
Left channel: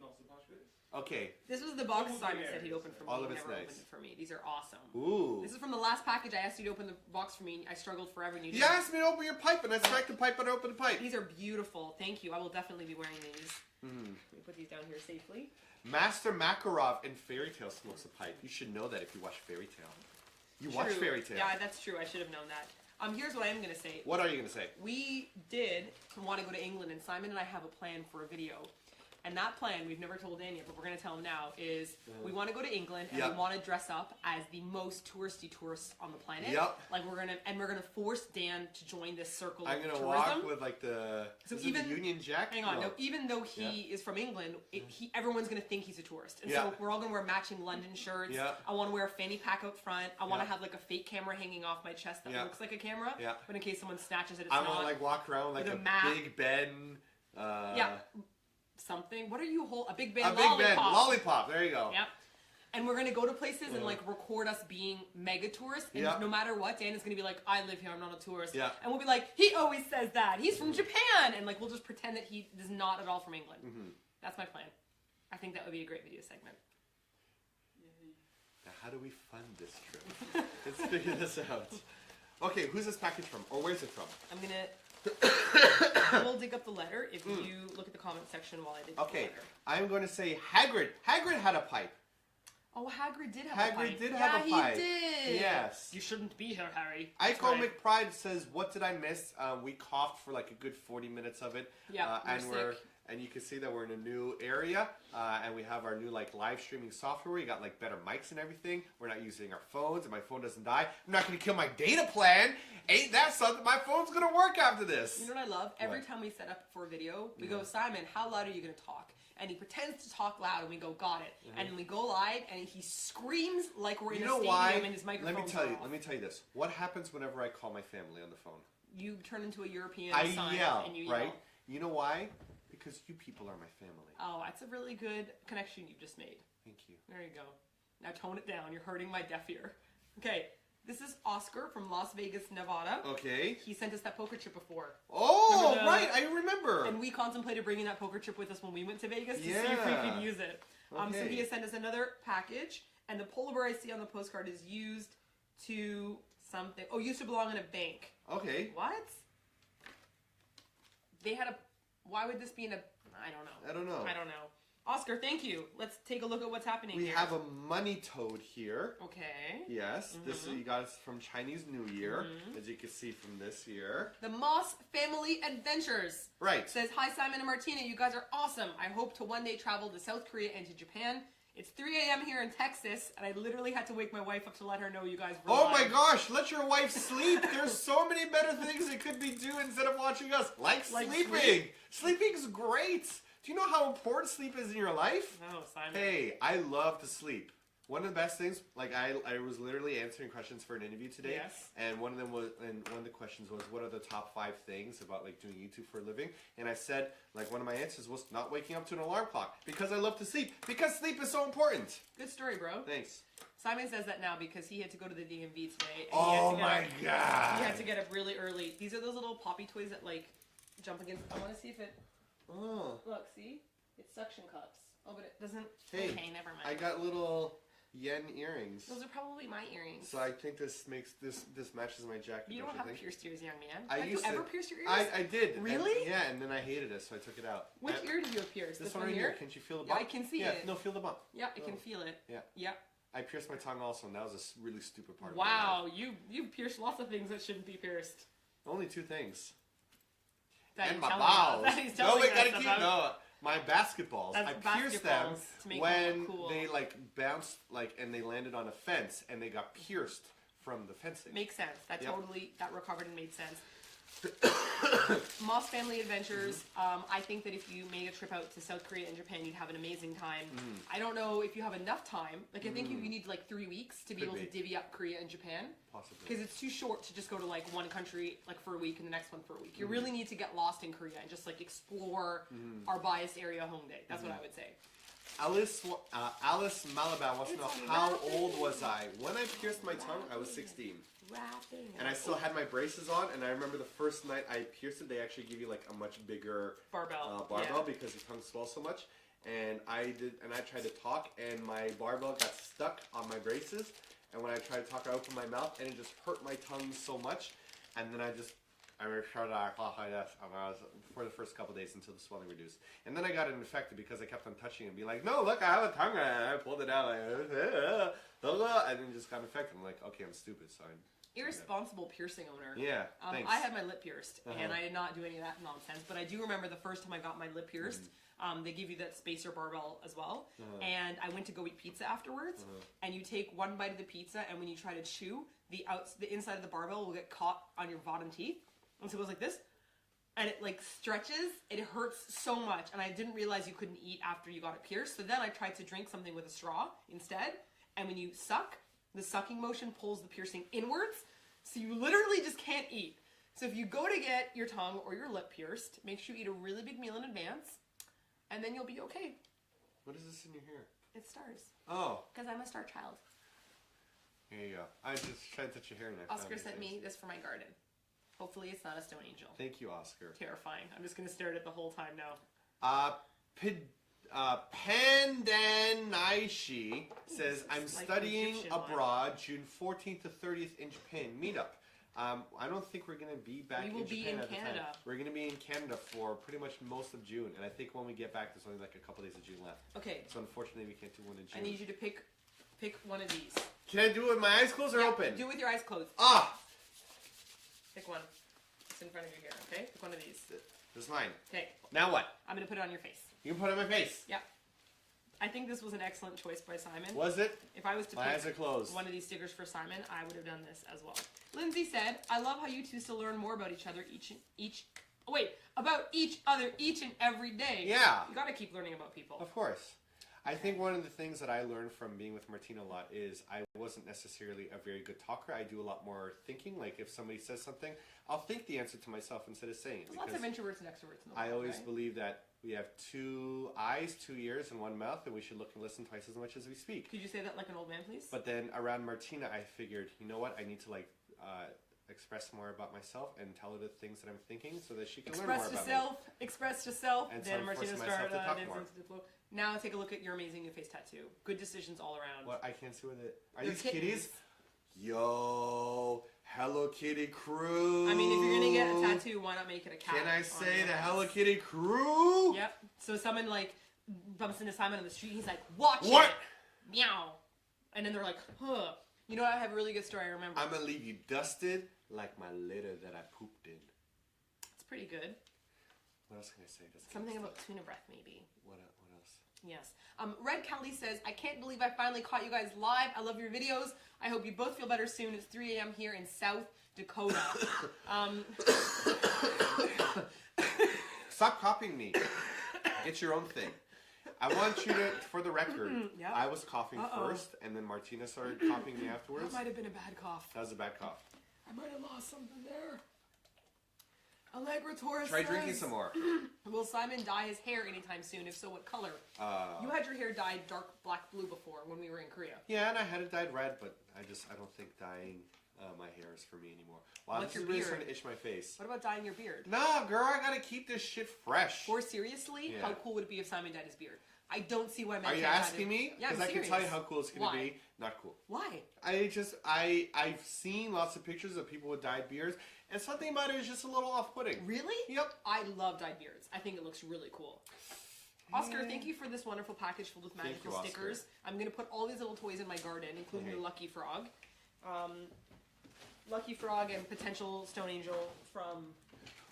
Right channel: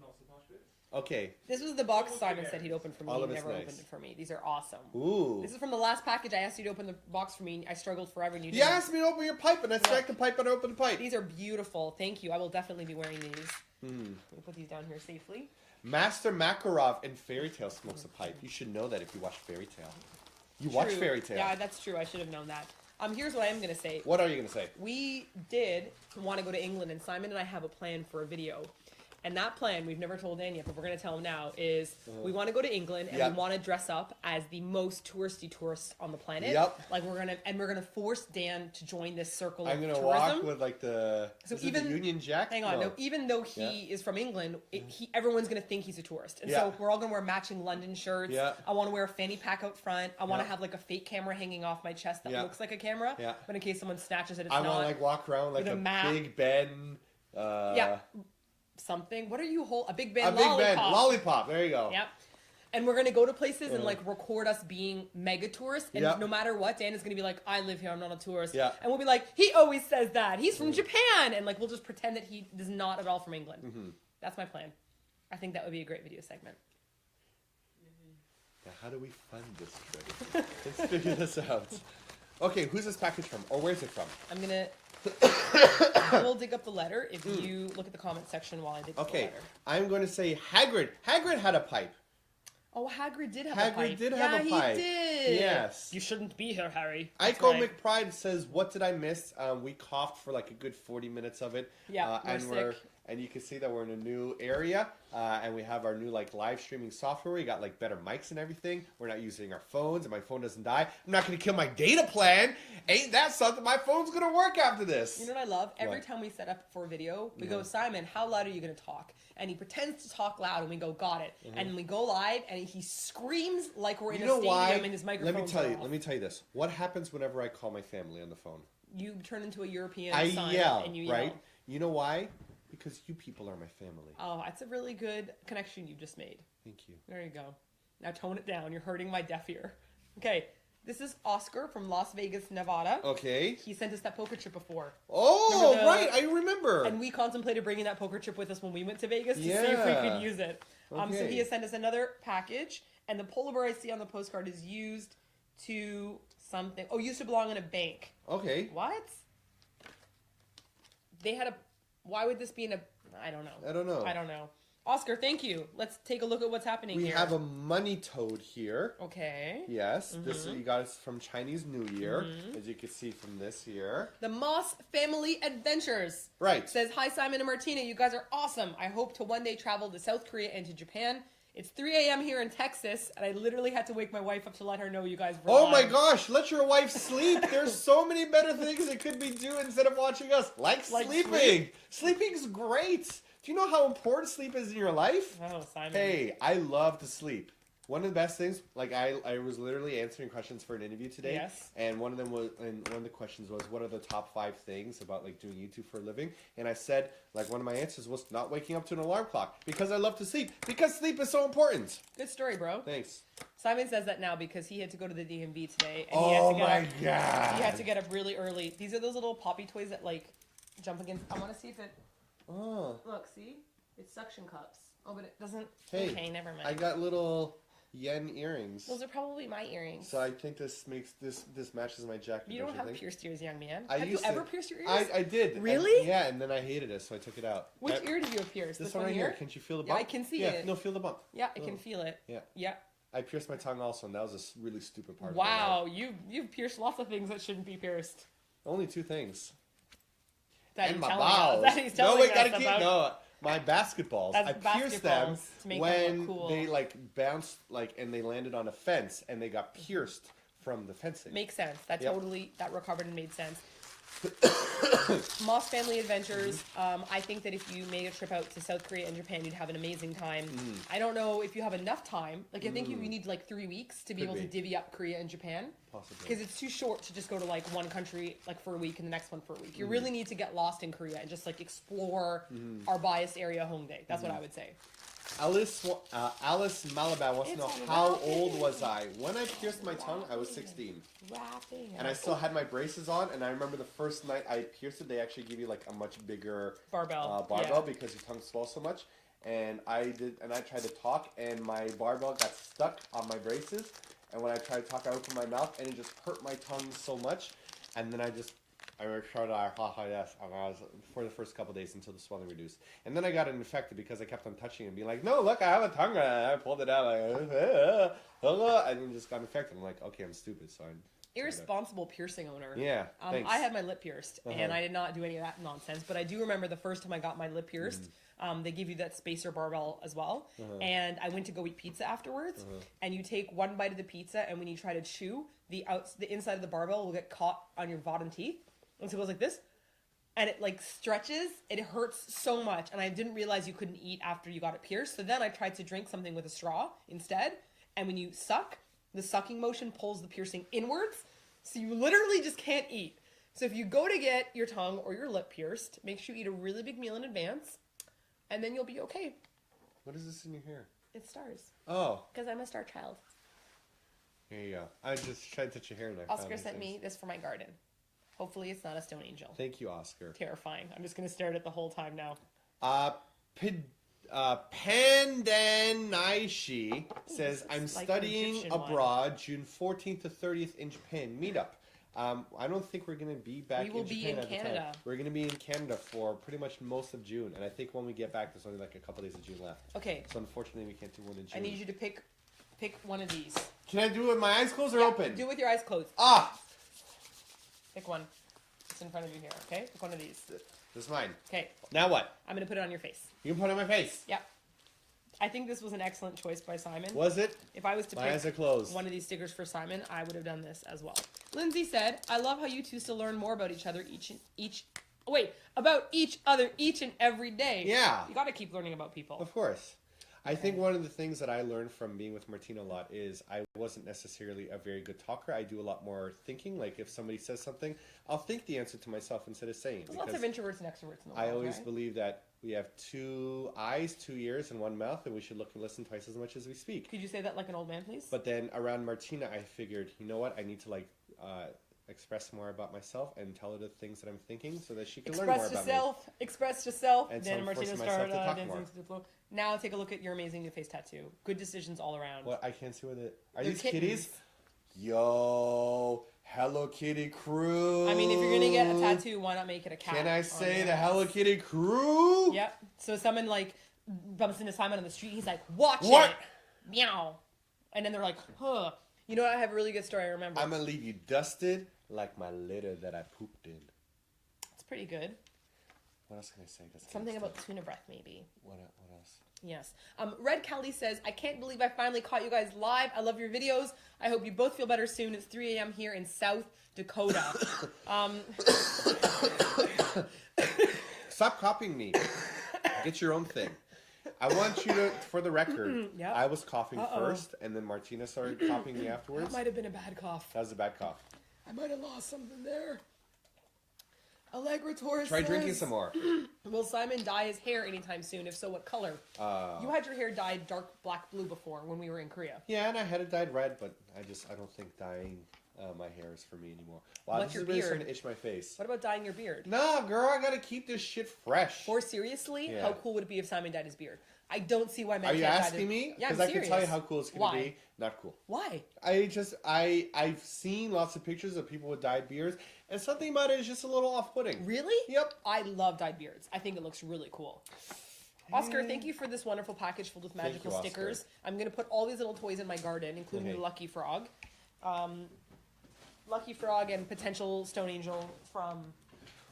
not so posh bits. Okay. This was the box Almost Simon big said he'd areas. open for me. All He of it's never nice. opened it for me. These are awesome. Ooh. This is from the last package. I asked you to open the box for me. I struggled forever. And you You didn't. asked me to open your pipe, and I cracked the pipe and I opened the pipe. These are beautiful. Thank you. I will definitely be wearing these. Hmm. Let me put these down here safely. Master Makarov in Fairy Tale smokes a pipe. You should know that if you watch Fairy Tale. You watch True. Fairy Tale. Yeah, that's true. I should have known that. Here's what I am going to say. What are you going to say? We did want to go to England, and Simon and I have a plan for a video. And that plan, we've never told Dan yet, but we're going to tell him now, is we want to go to England and we want to dress up as the most touristy tourist on the planet. Yep. Like we're gonna force Dan to join this circle I'm of gonna tourism. walk with like the even the Union Jack. Hang on, no. Even though he is from England, everyone's gonna think he's a tourist, and so we're all gonna wear matching London shirts. Yeah. I want to wear a fanny pack out front. I want to have like a fake camera hanging off my chest that looks like a camera. Yeah. But in case someone snatches it, it's I not. want to like walk around like with a a map. Big Ben. Something. What are you holding? A Big Ben A Big lollipop. Ben lollipop. There you go. Yep. And we're gonna go to places and like record us being mega tourists, and no matter what, Dan is gonna be like, "I live here. I'm not a tourist." Yeah. And we'll be like, "He always says that. He's from Japan," and like we'll just pretend that he is not at all from England. That's my plan. I think that would be a great video segment. Now, how do we fund this trip? Let's figure this out. Okay, who's this package from, or where's it from? I'm gonna. I will dig up the letter if you look at the comment section while I dig up the letter. I'm going to say Hagrid. Hagrid had a pipe. Oh, Hagrid did have a pipe. Hagrid did have a pipe. He did. Yes. You shouldn't be here, Harry. Iko McPride says, "What did I miss?" We coughed for like a good 40 minutes of it. Yeah, and you can see that we're in a new area, and we have our new like live streaming software. We got like better mics and everything. We're not using our phones, and my phone doesn't die. I'm not going to kill my data plan. Ain't that something? My phone's going to work after this. You know what I love? Every time we set up for a video, we go, "Simon, how loud are you going to talk?" And he pretends to talk loud, and we go, "Got it." And then we go live, and he screams like we're in a stadium, and his microphone. Let me tell you this. What happens whenever I call my family on the phone? You turn into a European. I son yell, and you right? yell. You know why? Because you people are my family. Oh, that's a really good connection you just made. Thank you. There you go. Now tone it down. You're hurting my deaf ear. Okay, this is Oscar from Las Vegas, Nevada. Okay. He sent us that poker chip before. Oh, right. I remember. And we contemplated bringing that poker chip with us when we went to Vegas to see if we could use it. Okay. So he has sent us another package, and the polar bear I see on the postcard is used to something. Oh, used to belong in a bank. Okay. What? They had a... Why would this be in a... I don't know. Oscar, thank you. Let's take a look at what's happening here. We have a money toad here. Okay. Yes. This you got us from Chinese New Year, as you can see from this here. The Moss Family Adventures. Right. Says, "Hi, Simon and Martina. You guys are awesome. I hope to one day travel to South Korea and to Japan. It's 3 a.m. here in Texas, and I literally had to wake my wife up to let her know you guys were Oh live." my gosh, let your wife sleep. There's so many better things it could be doing instead of watching us. Like sleeping. Sleeping's great. Do you know how important sleep is in your life? Oh, Simon. Hey, I love to sleep. One of the best things, like I was literally answering questions for an interview today, and one of the questions was, what are the top 5 things about like doing YouTube for a living? And I said, like, one of my answers was not waking up to an alarm clock because I love to sleep. Because sleep is so important. Good story, bro. Thanks. Simon says that now because he had to go to the DMV today. And Oh my god! He had to get up really early. These are those little poppy toys that like jump against. I want to see if it. Oh. Look, see, it's suction cups. Oh, but it doesn't. Hey, okay, never mind. I got little yen earrings. Those are probably my earrings. So I think this makes this matches my jacket. You don't have pierced ears, young man. Have you ever pierced your ears? I did. Really? Yeah, and then I hated it, so I took it out. Which ear did you have pierced? This one right here. Can't you feel the bump? Yeah, I can see it. Yeah, no, feel the bump. Yeah, I can feel it. Yeah. Yeah. I pierced my tongue also, and that was a really stupid part. Wow, you've pierced lots of things that shouldn't be pierced. Only 2 things. And my balls. No, wait, gotta keep my basketballs. I pierced them to make when them cool. they like bounced and they landed on a fence and they got pierced from the fencing. Makes sense. That recovered and made sense. Moss Family Adventures. I think that if you made a trip out to South Korea and Japan, you'd have an amazing time. I don't know if you have enough time. Like, I think you need like 3 weeks to be able to divvy up Korea and Japan. Possibly. Because it's too short to just go to like one country like for a week and the next one for a week. You really need to get lost in Korea and just like explore our biased area Hongdae. That's what I would say. Alice Malabar wants to know, how old was I? When I pierced my tongue, I was 16. And I still had my braces on, and I remember the first night I pierced it, they actually give you like a much bigger barbell because your tongue swells so much. And I tried to talk, and my barbell got stuck on my braces. And when I tried to talk, I opened my mouth, and it just hurt my tongue so much. And then I showed for the first couple days until the swelling reduced. And then I got it infected because I kept on touching it and being like, no, look, I have a tongue. I pulled it out, and then just got infected. I'm like, okay, I'm stupid, so irresponsible piercing owner. Yeah, thanks. I had my lip pierced, and I did not do any of that nonsense. But I do remember the first time I got my lip pierced. They give you that spacer barbell as well. And I went to go eat pizza afterwards. And you take one bite of the pizza, and when you try to chew, the inside of the barbell will get caught on your bottom teeth. And so it goes like this. And it like stretches. It hurts so much. And I didn't realize you couldn't eat after you got it pierced. So then I tried to drink something with a straw instead. And when you suck, the sucking motion pulls the piercing inwards. So you literally just can't eat. So if you go to get your tongue or your lip pierced, make sure you eat a really big meal in advance. And then you'll be okay. What is this in your hair? It's stars. Oh. Because I'm a star child. Here you go. I just tried to touch your hair and Oscar sent me this for my garden. Hopefully it's not a stone angel. Thank you, Oscar. Terrifying. I'm just going to stare at it the whole time now. Pandanaishi says, I'm like studying Egyptian abroad June 14th to 30th in Japan. Meetup. I don't think we're going to be back in Japan. We will be in at the Canada. time. We're going to be in Canada for pretty much most of June. And I think when we get back, there's only like a couple days of June left. Okay. So unfortunately, we can't do one in June. I need you to pick one of these. Can I do it with my eyes closed or open? Do it with your eyes closed. Ah! Pick one. It's in front of you here, okay? Pick one of these. This is mine. Okay. Now what? I'm going to put it on your face. You can put it on my face. Yep. I think this was an excellent choice by Simon. Was it? If I was to My eyes are pick closed. one of these stickers for Simon, I would have done this as well. Lindsay said, I love how you two still learn more about each other each and every day. Yeah. You got to keep learning about people. Of course. I think one of the things that I learned from being with Martina a lot is I wasn't necessarily a very good talker. I do a lot more thinking. Like if somebody says something, I'll think the answer to myself instead of saying it. There's lots of introverts and extroverts in the world, I always right? believe that we have 2 eyes, 2 ears, and 1 mouth, and we should look and listen twice as much as we speak. Could you say that like an old man, please? But then around Martina, I figured, you know what? I need to express more about myself and tell her the things that I'm thinking so that she can learn more about me. Express yourself. And so Then I'm Martina forcing myself started to talk dancing more. to the floor. Now take a look at your amazing new face tattoo. Good decisions all around. What? I can't see what it. Are They're these kittens. kitties? Yo, Hello Kitty crew. I mean, if you're gonna get a tattoo, why not make it a cat? Can I say the Hello Kitty crew? Yep. So someone like bumps into Simon on the street. He's like, "Watch What? it, meow," and then they're like, "Huh." You know what? I have a really good story. I remember. I'm gonna leave you dusted like my litter that I pooped in. It's pretty good. What else can I say? That's Something kinda about tuna breath, maybe. What else? Yes. Red Kelly says, I can't believe I finally caught you guys live. I love your videos. I hope you both feel better soon. It's 3 a.m. here in South Dakota. Stop copying me. Get your own thing. I want you to, for the record, Yep. I was coughing Uh-oh. first, and then Martina started copying me afterwards. That might have been a bad cough. That was a bad cough. I might have lost something there. Allegra Torres Try says, drinking some more. Will Simon dye his hair anytime soon? If so, what color? You had your hair dyed dark black blue before when we were in Korea. Yeah, and I had it dyed red, but I don't think dyeing my hair is for me anymore. Wow, What's this your is really beard? starting to itch my face. What about dyeing your beard? Nah, girl, I gotta keep this shit fresh. Or seriously, Yeah. how cool would it be if Simon dyed his beard? I don't see why men Are you can't dye asking their- me? Yeah, I'm Because I can tell you serious. how cool it's gonna Why? be. Not cool. Why? I've seen lots of pictures of people with dyed beards, and something about it is just a little off-putting. Really? Yep. I love dyed beards. I think it looks really cool. Oscar, thank you for this wonderful package filled with magical you, Oscar. stickers. I'm going to put all these little toys in my garden, including Okay. the Lucky Frog. Lucky Frog and potential Stone Angel from...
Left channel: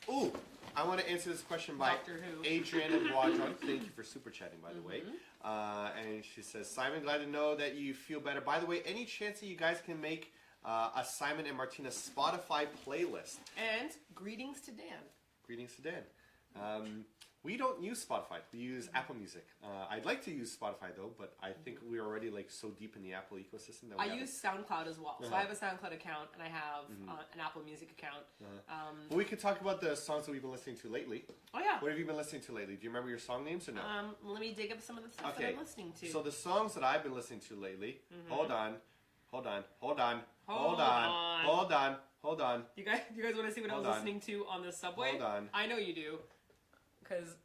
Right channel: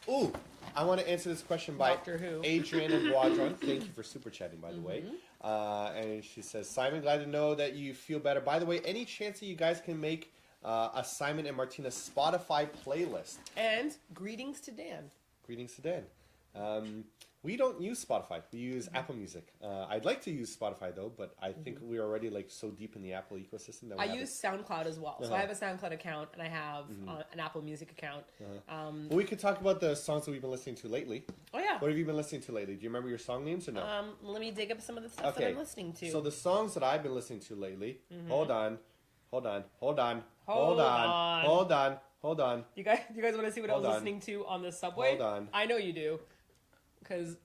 Ooh, I want to answer this question by Doctor Who. Adriana Guadron. Thank you for super chatting, by the way. And she says, Simon, glad to know that you feel better. By the way, any chance that you guys can make a Simon and Martina Spotify playlist? And greetings to Dan. Greetings to Dan. We don't use Spotify. We use Apple Music. I'd like to use Spotify though, but I think we're already like so deep in the Apple ecosystem that we I haven't- use SoundCloud as well. So Uh-huh. I have a SoundCloud account and I have an Apple Music account. Well, we could talk about the songs that we've been listening to lately. Oh, yeah. What have you been listening to lately? Do you remember your song names or no? Let me dig up some of the stuff that I'm listening to. So the songs that I've been listening to lately. Hold on. Hold on. You guys want to see what I Hold was on. listening to on the subway? Hold on. I know you do. Because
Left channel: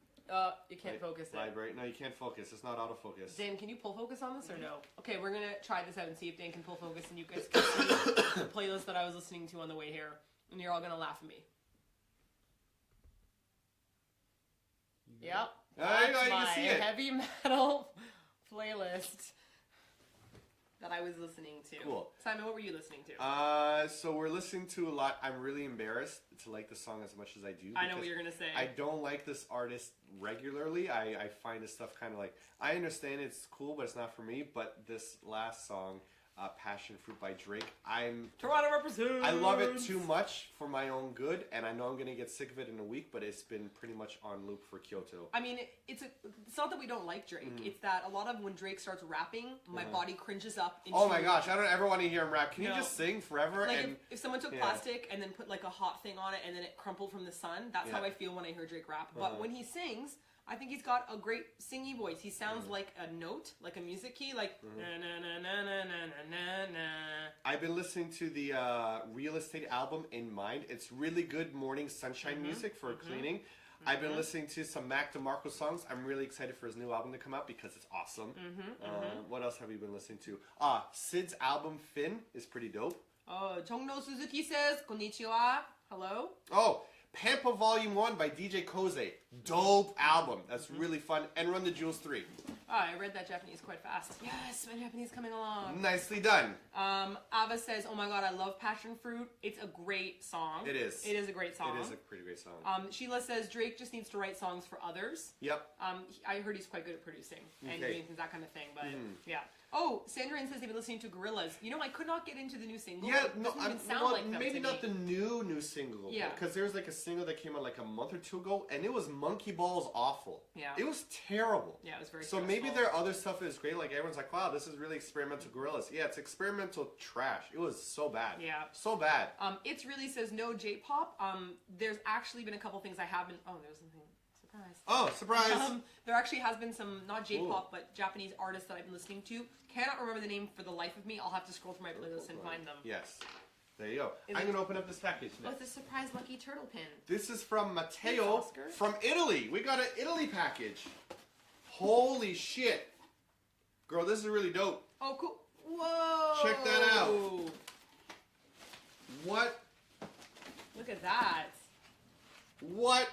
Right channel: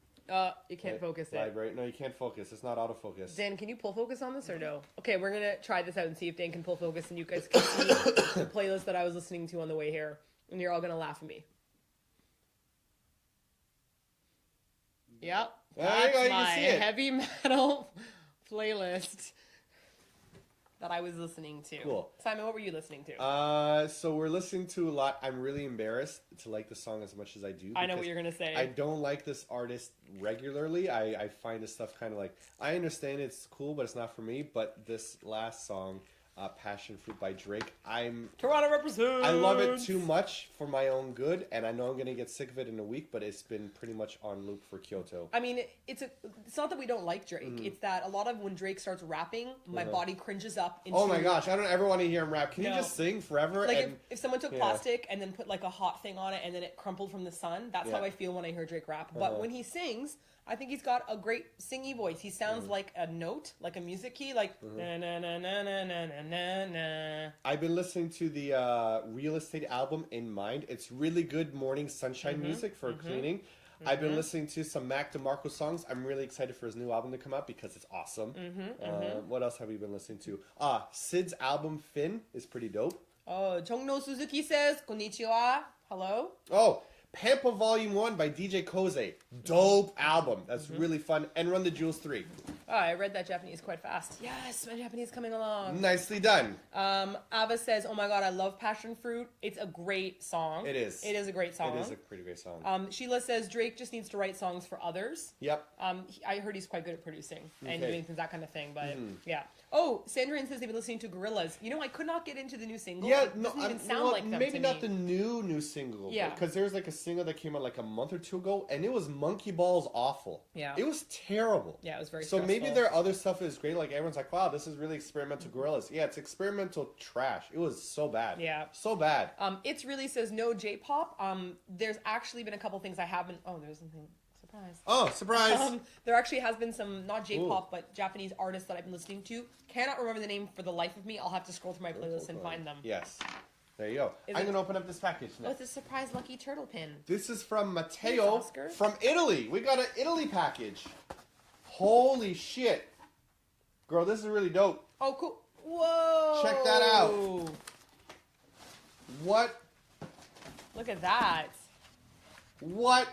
you can't focus it. Library. No, you can't focus. It's not autofocus. Dan, can you pull focus on this or no? Okay, we're going to try this out and see if Dan can pull focus and you guys can see the playlist that I was listening to on the way here. And you're all going to laugh at me. Yep. There you That's go, you my can see it. heavy metal playlist. that I was listening to. Cool. Simon, what were you listening to? So we're listening to a lot. I'm really embarrassed to like the song as much as I do. I know what you're going to say. I don't like this artist regularly. I find this stuff kind of like, I understand it's cool, but it's not for me. But this last song, Passion Fruit by Drake, Toronto represents! I love it too much for my own good, and I know I'm going to get sick of it in a week, but it's been pretty much on loop for Kyoto. I mean, it's not that we don't like Drake. It's that a lot of when Drake starts rapping, my body cringes up. Into, oh my gosh, I don't ever want to hear him rap. Can you just sing forever? Like if someone took plastic and then put like a hot thing on it and then it crumpled from the sun, that's how I feel when I hear Drake rap. But when he sings, I think he's got a great singy voice. He sounds like a note, like a music key, like na na na na na na na na. I've been listening to the Real Estate album in mind. It's really good morning sunshine music for cleaning. I've been listening to some Mac DeMarco songs. I'm really excited for his new album to come out because it's awesome. What else have we been listening to? Sid's album Finn is pretty dope. Oh, Jongno Suzuki says, konnichiwa. Hello. Oh, Pampa Volume 1 by DJ Koze. Dope album. That's really fun. And Run the Jewels 3. Oh, I read that Japanese quite fast. Yes, my Japanese coming along. Nicely done. Ava says, oh my god, I love Passion Fruit. It's a great song. It is. It is a great song. It is a pretty great song. Sheila says, Drake just needs to write songs for others. Yep. I heard he's quite good at producing and doing that kind of thing, but yeah. Oh, Sandrine says they've been listening to Gorillaz. You know, I could not get into the new single. Yeah, it doesn't even sound like them maybe to not me. the new single. Yeah. Because there's like a single that came out like a month or two ago, and it was Monkey Balls awful. Yeah. It was terrible. Yeah, it was very So stressful. maybe their other stuff is great. Like everyone's like, wow, this is really experimental Gorillaz. Yeah, it's experimental trash. It was so bad. Yeah. So bad. It's really says no J-pop. There's actually been a couple things I haven't. Oh, there's something. Surprise. Oh, surprise. There actually has been some, not J-pop, but Japanese artists that I've been listening to. Cannot remember the name for the life of me. I'll have to scroll through my playlist and find them. Yes. There you go. I'm going to open up this package now. Oh, it's a surprise lucky turtle pin. This is from Matteo Oscar. from Italy. We got an Italy package. Holy shit. Girl, this is really dope. Oh, cool. Whoa. Check that out. What? Look at that. What?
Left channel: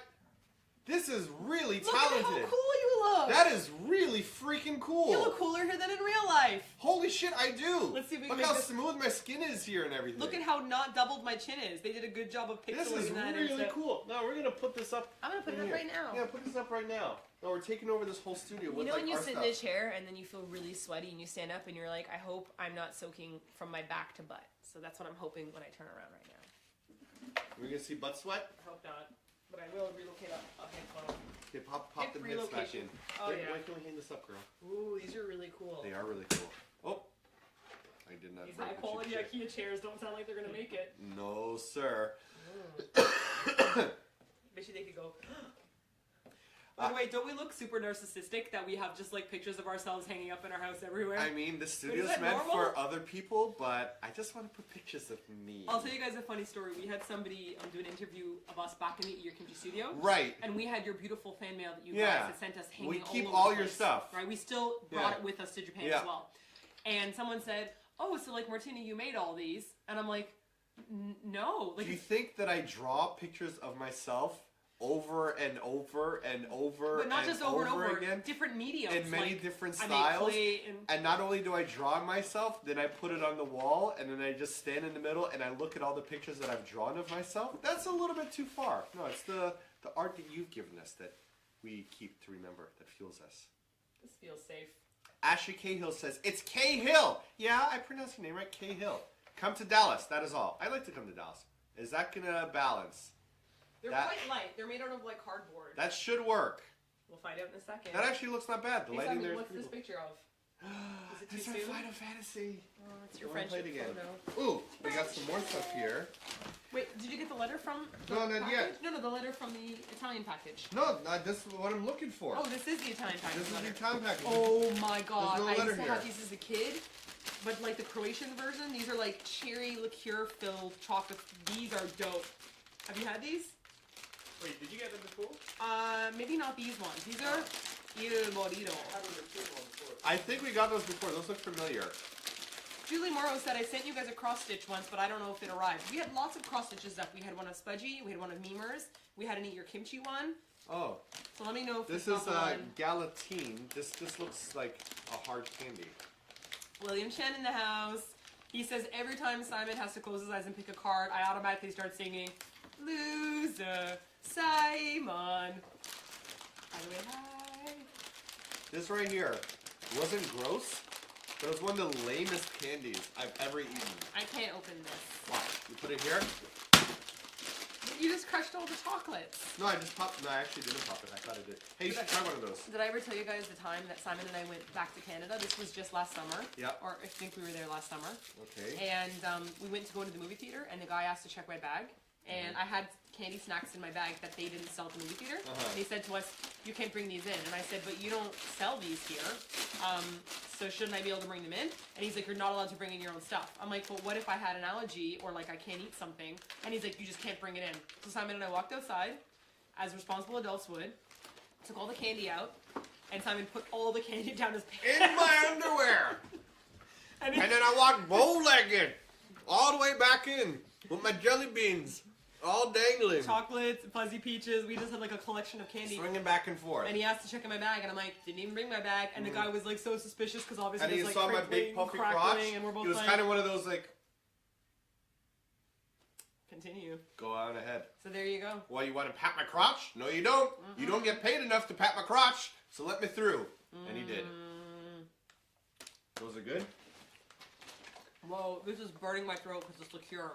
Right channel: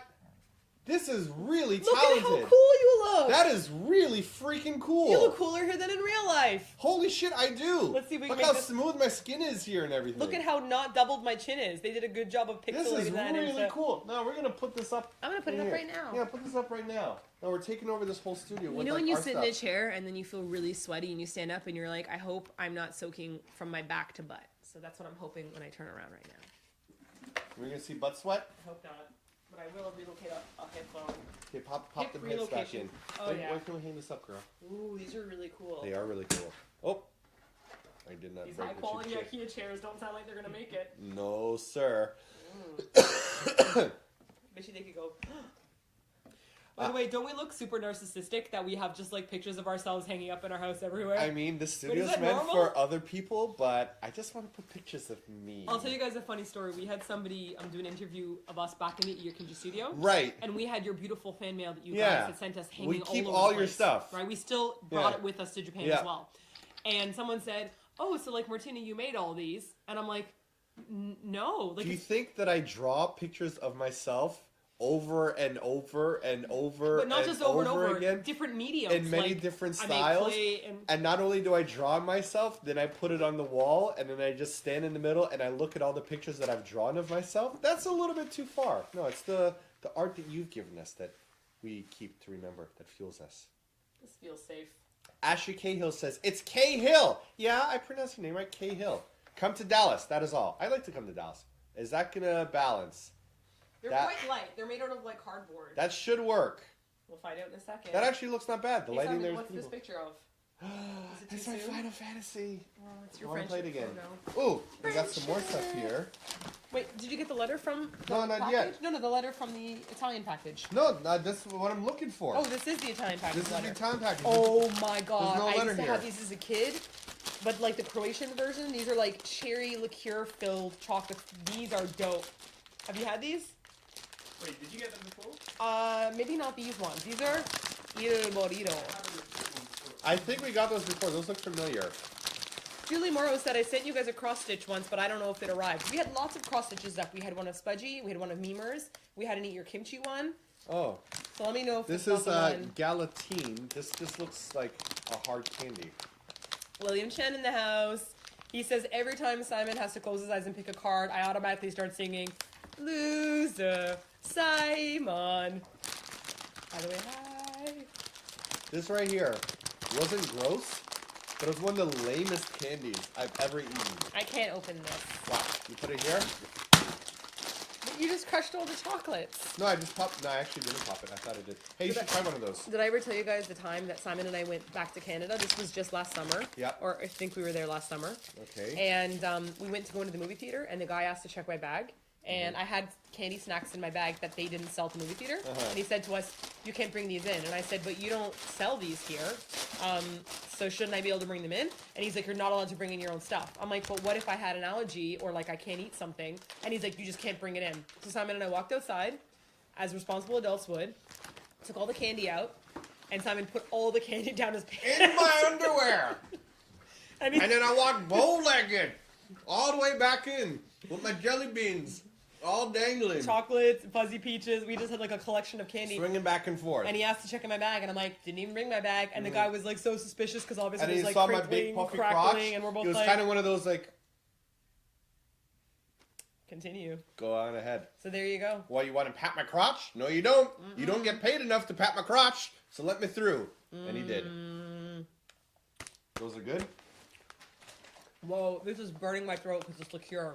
This is really Look talented. at how cool you look. That is really freaking cool. You look cooler here than in real life. Holy shit, I do. Let's see if we can Look make how this- smooth my skin is here and everything. Look at how not doubled my chin is. They did a good job of pixelating This is that. really cool. No, we're going to put this up. I'm going to put it up here. right now. Yeah, put this up right now. No, we're taking over this whole studio You with know when like, you our sit stuff. in a chair and then you feel really sweaty and you stand up and you're like, I hope I'm not soaking from my back to butt. So that's what I'm hoping when I turn around right now. We're going to see butt sweat. I hope not. But I will relocate a headphone. Okay, pop Hip the heads back in. relocation. Oh, Wait, yeah. When can we hang this up, girl? Ooh, these are really cool. They are really cool. Oh, I did not These break high the quality cheap shit. IKEA chairs don't sound like they're going to make it. No, sir. Bet you they could go. By the way, don't we look super narcissistic that we have just like pictures of ourselves hanging up in our house everywhere? I mean, the studio's that meant normal? for other people, but I just want to put pictures of me. I'll tell you guys a funny story. We had somebody do an interview of us back in the Ear Kinji studio. Right. And we had your beautiful fan mail that you Yeah. guys had sent us hanging We keep all over all the your place, stuff. Right? We still brought Yeah. it with us to Japan Yeah. as well. And someone said, oh, so like Martina, you made all these. And I'm like, no. Like, Do you think that I draw pictures of myself over and over and over but not and just over and over again? different mediums. In many like, different I styles. make clay And not only do I draw myself, then I put it on the wall, and then I just stand in the middle and I look at all the pictures that I've drawn of myself. That's a little bit too far. No, it's the art that you've given us that we keep to remember, that fuels us. This feels safe. Ashley Cahill says, it's Cahill! Yeah, I pronounced your name right, Cahill. Come to Dallas, that is all. I'd like to come to Dallas. Is that going to balance? They're That- quite light. They're made out of like cardboard. That should work. We'll find out in a second. That actually looks not bad. The Hey, lighting Simon, there is what's this beautiful. picture of? Is it too It's our soon? Final Fantasy. It's your Wanna play friendship it again? photo. Ooh, we got some more stuff here. Wait, did you get the letter from the No, not package? yet. No, the letter from the Italian package. No, that's what I'm looking for. Oh, this is the Italian package This is letter. the town package. Oh my god, no I letter used to here. have these as a kid. But like the Croatian version, these are like cherry liqueur filled chocolate. These are dope. Have you had these? Wait, did you get them before? Maybe not these ones. These are Il Morito. I think we got those before. Those look familiar. Julie Morrow said, I sent you guys a cross stitch once, but I don't know if it arrived. We had lots of cross stitches up. We had one of Spudgy, we had one of Memers, we had an Eat Your Kimchi one. Oh, So let me know if this it's is not the one. Galatine. This just looks like a hard candy. William Chen in the house. He says, every time Simon has to close his eyes and pick a card, I automatically start singing, Loser, Simon. By the way, hi. This right here wasn't gross, but it was one of the lamest candies I've ever eaten. I can't open this. Wow. You put it here? But you just crushed all the chocolates. No, I just popped. No, I actually didn't pop it. I thought I did. Hey, you should try one of those. Did I ever tell you guys the time that Simon and I went back to Canada? This was just last summer. Yeah. Or I think we were there last summer. Okay. And we went to go into the movie theater, and the guy asked to check my bag. And I had candy snacks in my bag that they didn't sell at the movie theater. And he said to us, you can't bring these in. And I said, but you don't sell these here. So shouldn't I be able to bring them in? And he's like, you're not allowed to bring in your own stuff. I'm like, but what if I had an allergy or like I can't eat something? And he's like, you just can't bring it in. So Simon and I walked outside, as responsible adults would, took all the candy out, and Simon put all the candy down his pants. In my underwear! and And then I walked bow-legged all the way back in with my jelly beans all dangling. Chocolates, fuzzy peaches. We just had like a collection of candy. Swinging back and forth. And he asked to check in my bag, and I'm like, didn't even bring my bag. And the guy was like so suspicious because obviously and it he was saw like my big crinkling, puffy crackling, crotch. and we're both It was like, kind of one of those like, continue. go on ahead. So there you go. Well, you want to pat my crotch? No, you don't. You don't get paid enough to pat my crotch, so let me through. And he did. Those are good? Whoa, this is burning my throat because it's liqueur.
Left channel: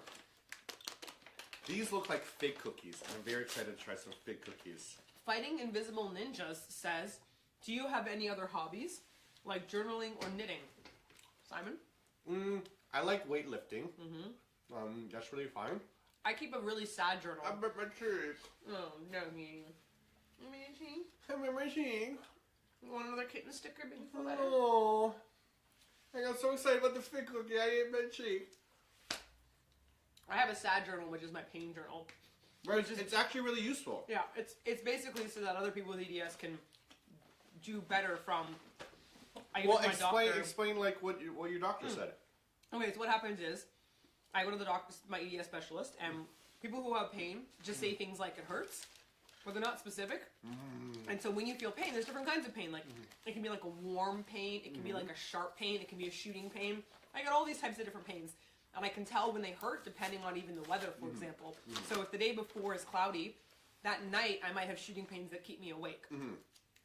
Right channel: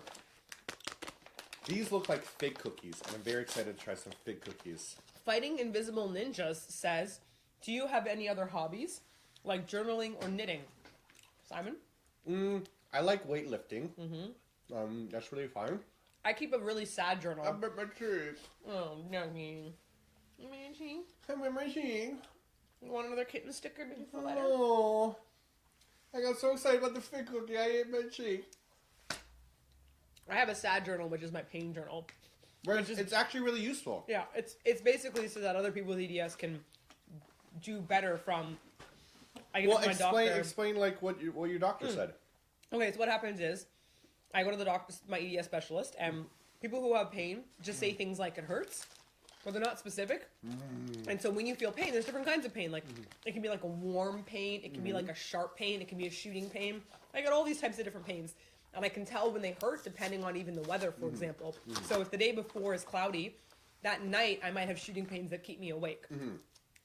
These look like fig cookies. I'm very excited to try some fig cookies. Fighting Invisible Ninjas says, do you have any other hobbies, like journaling or knitting? Simon? I like weightlifting. That's really fun. I keep a really sad journal. I bit my cheek. Oh, no, me. I bit my cheek. You want another kitten sticker? Beautiful letter? Oh, I got so excited about the fig cookie. I ate my cheek. I have a sad journal, which is my pain journal. Right, it's actually really useful. Yeah, it's basically so that other people with EDS can do better from. I get to my doctor. Explain like what your doctor said. Okay, so what happens is, I go to the doctor, my EDS specialist, and people who have pain just say things like it hurts, but they're not specific. And so when you feel pain, there's different kinds of pain. Like it can be like a warm pain, it can be like a sharp pain, it can be a shooting pain. I got all these types of different pains. And I can tell when they hurt depending on even the weather, for example. So if the day before is cloudy, that night I might have shooting pains that keep me awake.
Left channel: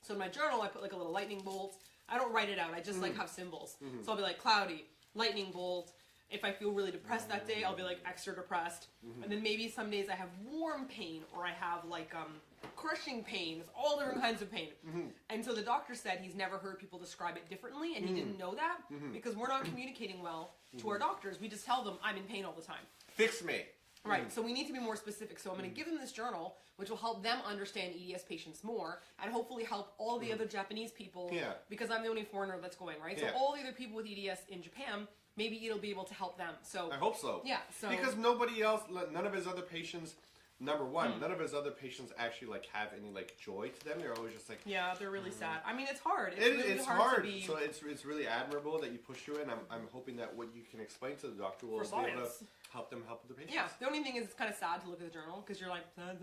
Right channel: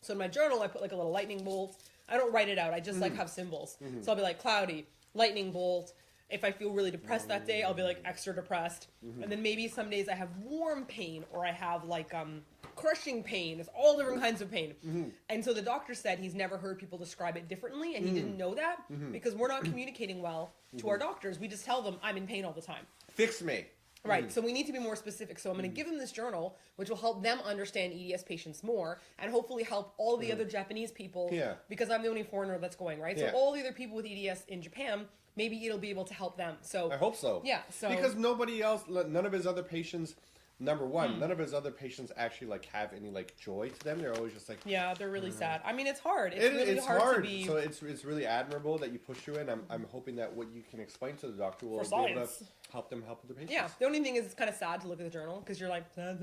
So in my journal, I put like a little lightning bolt. I don't write it out. I just like have symbols. So I'll be like cloudy, lightning bolt. If I feel really depressed that day, I'll be like extra depressed. And then maybe some days I have warm pain or I have like crushing pain. It's all different kinds of pain. And so the doctor said he's never heard people describe it differently, and he didn't know that because we're not communicating well to our doctors. We just tell them I'm in pain all the time. Fix me. Right, so we need to be more specific. So I'm going to give them this journal, which will help them understand EDS patients more, and hopefully help all the other Japanese people, because I'm the only foreigner that's going, right? So all the other people with EDS in Japan, maybe it'll be able to help them. So I hope so. Yeah, so because nobody else, none of his other patients, number one, none of his other patients actually like have any like joy to them. They're always just like, yeah, they're really sad. I mean, it's hard. It's hard. To be So it's really admirable that you push through it. And I'm hoping that what you can explain to the doctor will be able to help them help the patients. Yeah, the only thing is it's kind of sad to look at the journal because you're like, sad,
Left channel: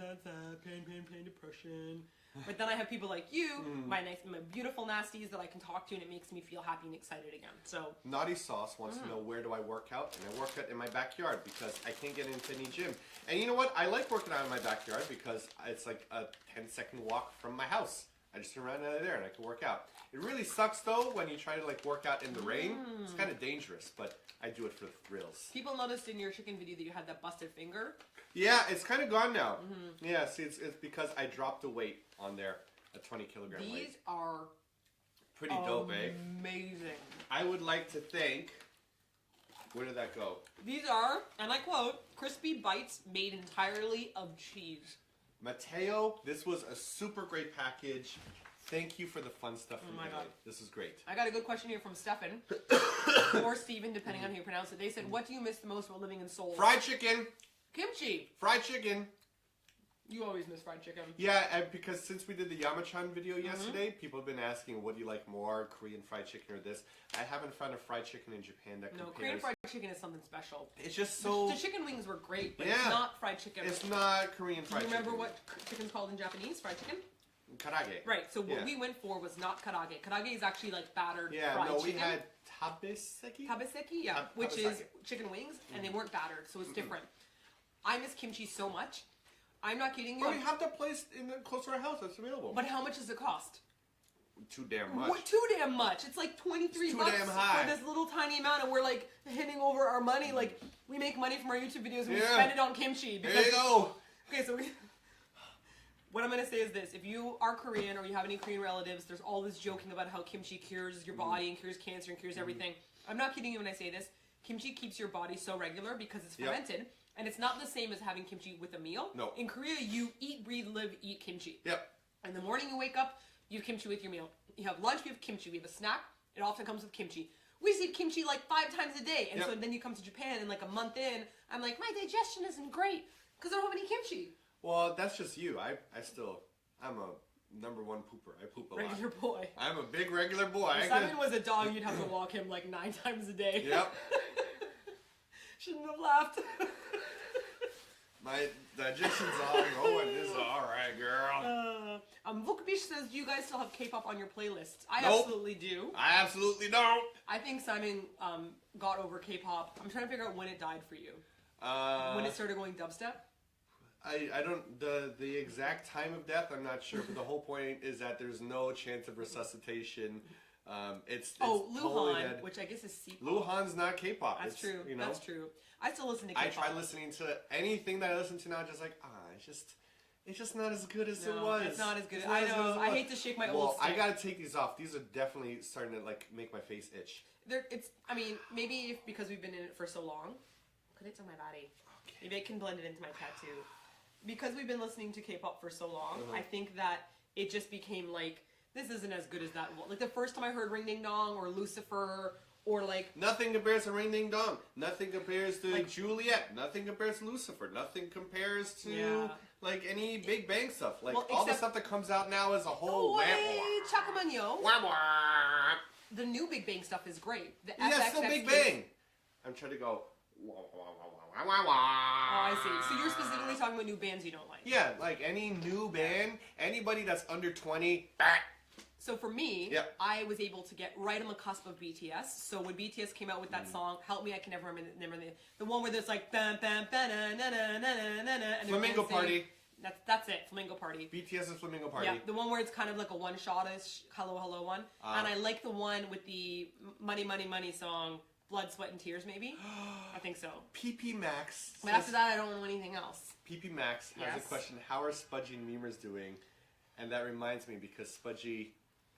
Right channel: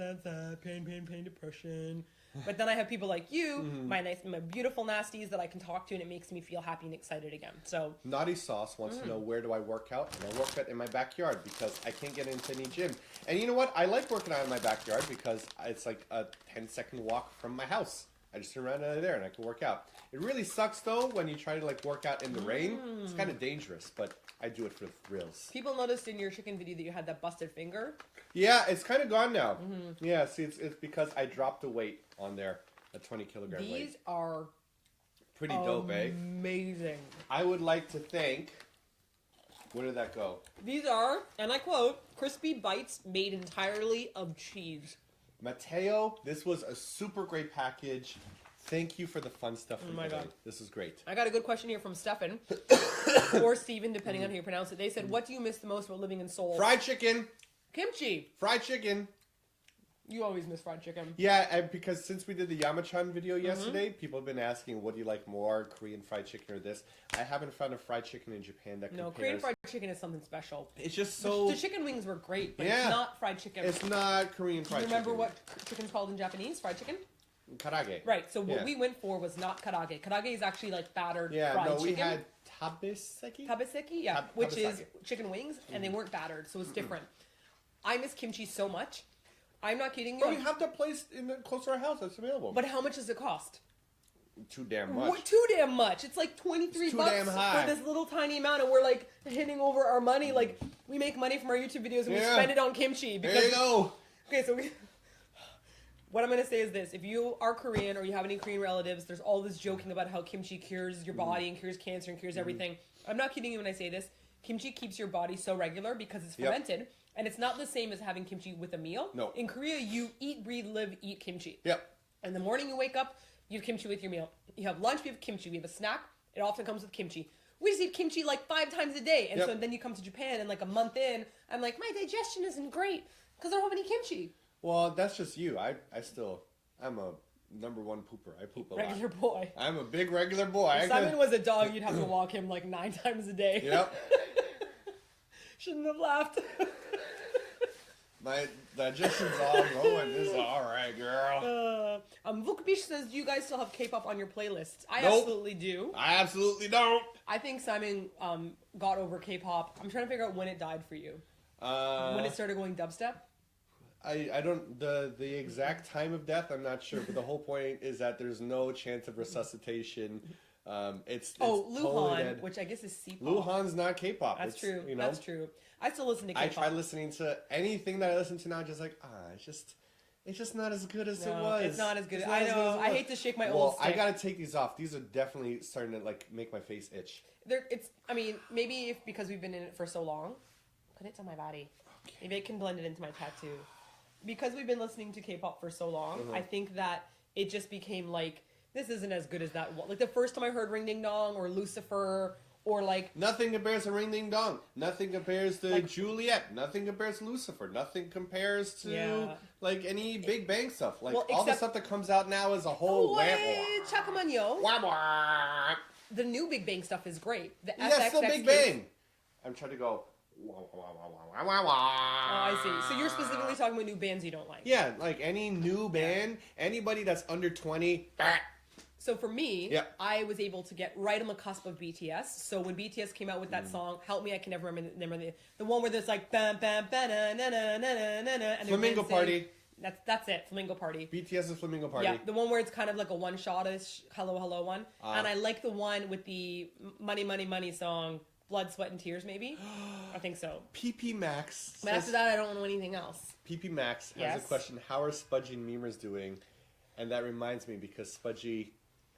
pain, depression. But then I have people like you, my beautiful nasties that I can talk to, and it makes me feel happy and excited again. So Naughty Sauce wants to know, where do I work out? And I work out in my backyard because I can't get into any gym. And you know what? I like working out in my backyard because it's like a 10-second walk from my house. I just turn around out of there and I can work out. It really sucks though when you try to like work out in the rain. It's kind of dangerous, but I do it for the thrills. People noticed in your chicken video that you had that busted finger. Yeah, it's kind of gone now. Yeah, see, it's because I dropped the weight on there, a 20-kilogram weight. These are pretty dope, eh? Amazing. I would like to thank. Where did that go? These are, and I quote, crispy bites made entirely of cheese. Mateo, this was a super great package. Thank you for the fun stuff. Oh my God. This is great. I got a good question here from Stefan, or Steven, depending on how you pronounce it. They said, what do you miss the most about living in Seoul? Fried chicken. Kimchi. Fried chicken. You always miss fried chicken. Yeah, and because since we did the Yamachan video yesterday, people have been asking, what do you like more, Korean fried chicken or this? I haven't found a fried chicken in Japan that compares. No, Korean fried chicken is something special. It's just so... The chicken wings were great, but it's not fried chicken. It's not Korean fried chicken. Do you remember what chicken's called in Japanese? Fried chicken? Karage. Right, so what we went for was not karage. Karage is actually like battered fried chicken. Yeah, no, we had tabaseki? Tabaseki, yeah, which is tabaseki. chicken wings, and they weren't battered, so it's different. I miss kimchi so much. I'm not kidding you. But we have the place close to our house that's available. But how much does it cost? Too damn much. Too damn much. It's like 23 bucks damn high. for this little tiny amount, and we're like handing over our money. Like we make money from our YouTube videos, and we spend it on kimchi. Because, there you go. Okay, so what I'm going to say is this. If you are Korean or you have any Korean relatives, there's all this joking about how kimchi cures your body and cures cancer and cures everything. I'm not kidding you when I say this. Kimchi keeps your body so regular because it's fermented. And it's not the same as having kimchi with a meal. No. In Korea, you eat, breathe, live, eat kimchi. Yep. In the morning you wake up, you have kimchi with your meal. You have lunch, we have kimchi. We have a snack. It often comes with kimchi. We just eat kimchi like 5 times a day. And so then you come to Japan and like a month in, I'm like, my digestion isn't great because I don't have any kimchi. Well, that's just you. I'm a number 1 pooper. I poop a lot. Regular boy. I'm a big regular boy. If Simon was a dog, you'd have to walk him like 9 times a day. Yep. Shouldn't have laughed. My digestion's all going. This is all right, girl. Vukbish says, do you guys still have K-pop on your playlists? I Nope. absolutely do. I absolutely don't. I think Simon got over K-pop. I'm trying to figure out when it died for you. When it started going dubstep? I don't the exact time of death. I'm not sure, but the whole point is that there's no chance of resuscitation. It's Luhan, totally dead. which I guess is C-pop. Luhan's not K-pop. That's It's, true. You know? That's true. I still listen to K-pop. I try listening to anything that I listen to now. Just like it's just not as good as it was. It's not as good. It's not I as good know. as it I was. hate to shake my old I stick. gotta take these off. These are definitely starting to like make my face itch. I mean, maybe if because we've been in it for so long. Put it to my body. Okay. Maybe I can blend it into my tattoo. Because we've been listening to K-pop for so long, I think that it just became like, this isn't as good as that. Like the first time I heard Ring Ding Dong or Lucifer or like... Nothing compares to Ring Ding Dong. Nothing compares to like, Juliet. Nothing compares to Lucifer. Nothing compares to like any Big Bang stuff. Like all the stuff that comes out now is a whole... Chakamanyo. The new Big Bang stuff is great. The that's still Big Bang. I'm trying to go... Oh, I see. So you're specifically talking about new bands you don't like. Yeah, like any new band, anybody that's under 20. So for me, I was able to get right on the cusp of BTS. So when BTS came out with that song, Help Me, I Can Never Remember the one where there's like bam bam ba na na na na na na. Flamingo Party. That's it, Flamingo Party. BTS's Flamingo Party. Yeah, the one where it's kind of like a one-shot-ish Hello Hello one. And I like the one with the Money Money Money song, Blood, Sweat, and Tears, maybe? I think so. PP Max. But after that, I don't know anything else. PP Max has a question. How are Spudgy and Memers doing? And that reminds me because Spudgy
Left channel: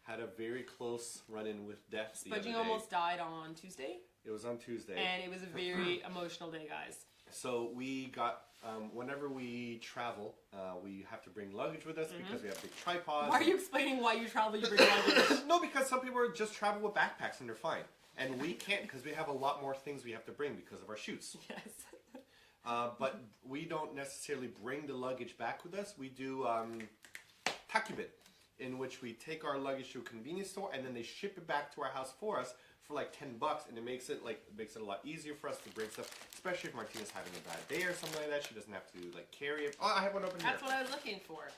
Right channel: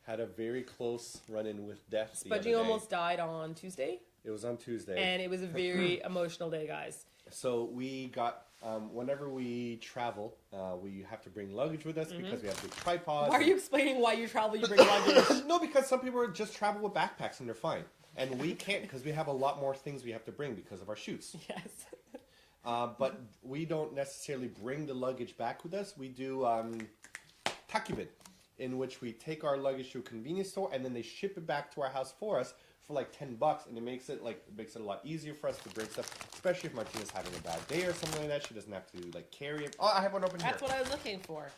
had a very close run-in with death the other Spudgy day. almost died on Tuesday. It was on Tuesday. And it was a very emotional day, guys. So we got, whenever we travel, we have to bring luggage with us because we have big tripods. Why are you explaining why you travel, you bring luggage? No, because some people just travel with backpacks and they're fine. And we can't because we have a lot more things we have to bring because of our shoots. Yes. But we don't necessarily bring the luggage back with us. We do takibin, in which we take our luggage to a convenience store and then they ship it back to our house for us for like $10, and it makes it a lot easier for us to bring stuff, especially if Martina's having a bad day or something like that. She doesn't have to like carry it. Oh, I have one open here. That's what I was looking for.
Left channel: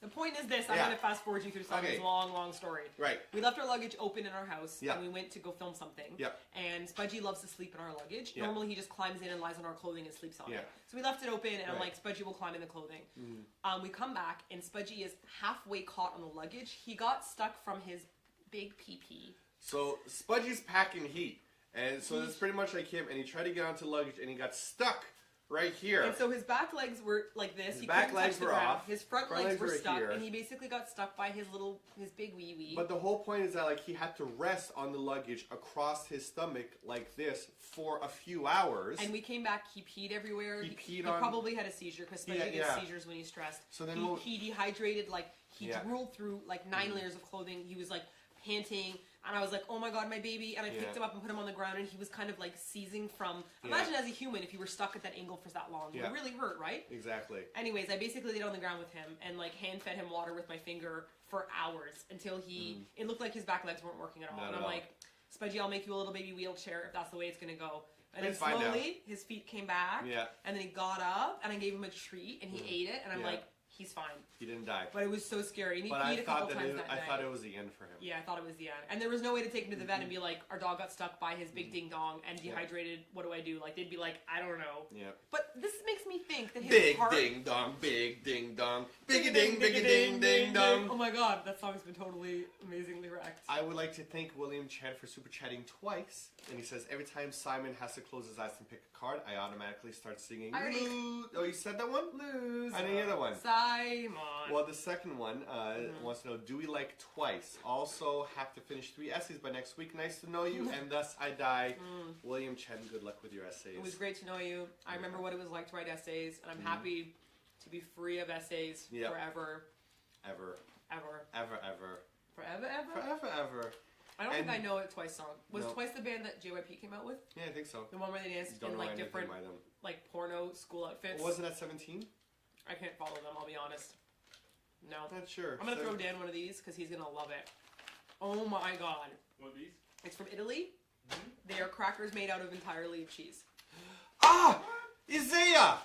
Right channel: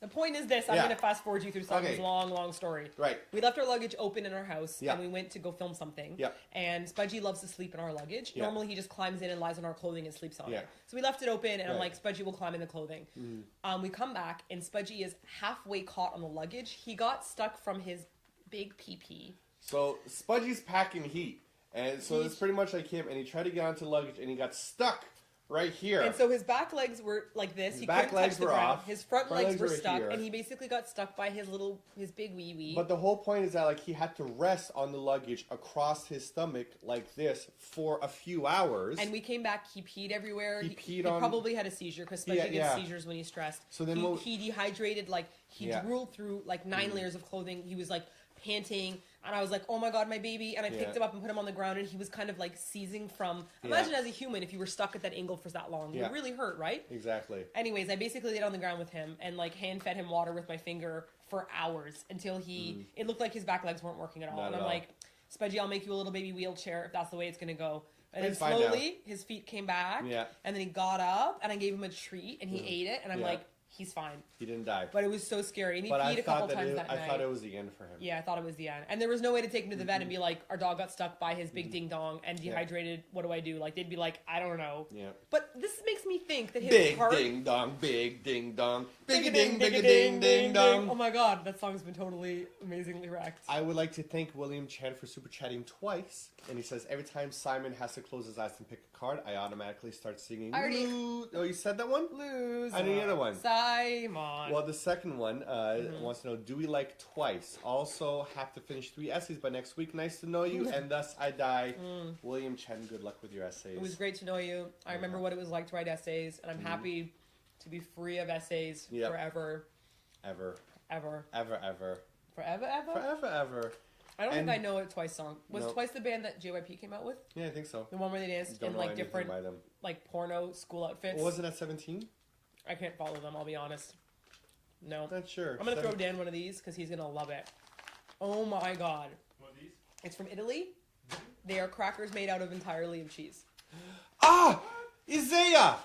The point is this. I'm going to fast forward you through Simon's long, long story. Right. We left our luggage open in our house, and we went to go film something. Yeah. And Spudgy loves to sleep in our luggage. Yeah. Normally, he just climbs in and lies on our clothing and sleeps on it. So we left it open, and I'm like, Spudgy will climb in the clothing. We come back, and Spudgy is halfway caught on the luggage. He got stuck from his big pee-pee. So Spudgy's packing heat, and so it's pretty much like him, and he tried to get onto the luggage, and he got stuck right here. And so his back legs were like this. His He back couldn't legs touch the were ground. off. His front legs were were stuck, here. and he basically got stuck by his big wee wee. But the whole point is that like he had to rest on the luggage across his stomach like this for a few hours. And we came back. He peed everywhere. He probably had a seizure because Spudgy gets seizures when he's stressed. So then he dehydrated. Like he drooled through like 9 layers of clothing. He was like panting. And I was like, oh my god, my baby. And I picked him up and put him on the ground. And he was kind of like seizing from... Imagine as a human if you were stuck at that angle for that long. It would really hurt, right? Exactly. Anyways, I basically laid on the ground with him and like hand-fed him water with my finger for hours until he... It looked like his back legs weren't working at all. Not and at I'm all. like, Spudgy, I'll make you a little baby wheelchair if that's the way it's going to go. And then It's fine now. slowly, his feet came back. Yeah. And then he got up and I gave him a treat and he ate it. And I'm like... he's fine. He didn't die. But it was so scary. And he But peed a couple times that night. I thought it was the end for him. Yeah, I thought it was the end. And there was no way to take him to the vet and be like, our dog got stuck by his big ding dong and dehydrated. What do I do? Like, they'd be like, I don't know. Yeah. But this makes me think that his big heart... ding dong, big ding dong, big ding, big ding, ding dong. Oh my god, that song's been totally amazingly wrecked. I would like to thank William Chan for super chatting twice. And he says, every time Simon has to close his eyes and pick a card, I automatically start singing. Oh, you said that one? Lose. I didn't hear that one. Simon. Well, the second one wants to know, do we like twice? Also have to finish 3 essays by next week. Nice to know you. And thus I die. William Chen, good luck with your essays. It was great to know you. I remember what it was like to write essays. And I'm happy to be free of essays forever. Ever. Ever. Ever, ever. Forever, ever? Forever, ever. I don't think I know a Twice song. Was Twice the band that JYP came out with? Yeah, I think so. The one where they danced in like different like porno school outfits? Wasn't that 17? I can't follow them, I'll be honest. No. Not sure. I'm going to throw Dan one of these because he's going to love it. Oh my god. What are these? It's from Italy. They are crackers made out of entirely of cheese. Ah! Isaiah!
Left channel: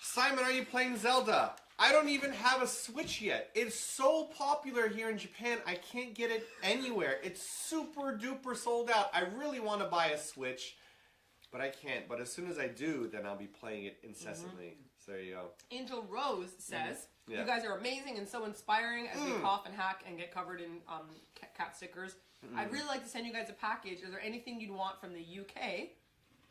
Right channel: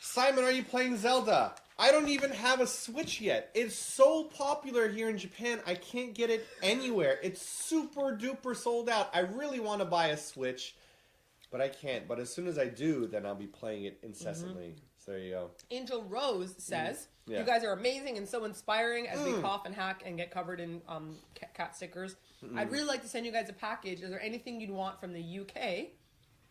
Simon, are you playing Zelda? I don't even have a Switch yet. It's so popular here in Japan, I can't get it anywhere. It's super duper sold out. I really want to buy a Switch, but I can't. But as soon as I do, then I'll be playing it incessantly. So there you go. Angel Rose says, you guys are amazing and so inspiring as we cough and hack and get covered in cat stickers. I'd really like to send you guys a package. Is there anything you'd want from the UK?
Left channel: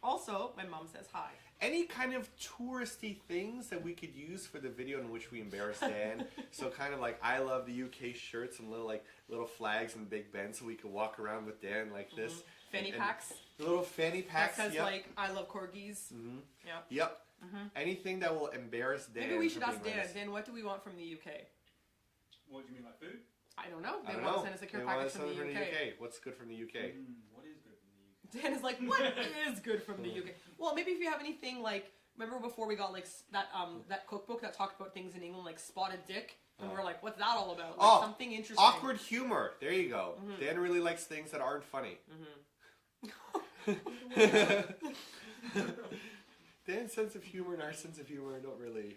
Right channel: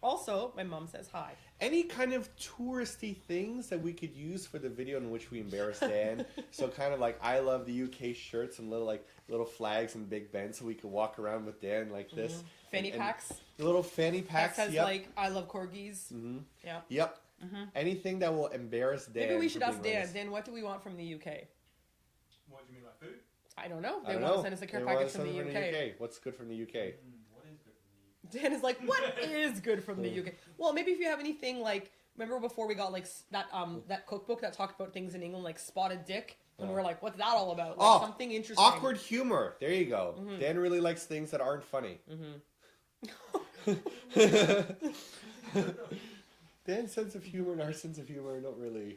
Also, my mom says hi. Any kind of touristy things that we could use for the video in which we embarrass Dan? So kind of like I love the UK shirts and little flags and Big Ben, so we could walk around with Dan like this. Fanny packs. The little fanny packs. That says like I love corgis. Yeah. Yep. Anything that will embarrass Dan. Maybe we should ask Dan. Dan, what do we want from the UK? What do you mean, like food? I don't know. They want to send us a care package from the UK. What's good from the UK? What is good from the UK? Dan is like, what is good from the UK? Well, maybe if you have anything like, remember before we got like that cookbook that talked about things in England like spotted dick, and we were like, what's that all about? Like, something interesting. Awkward humor. There you go. Dan really likes things that aren't funny. Dan's sense of humor and our sense of humor don't really.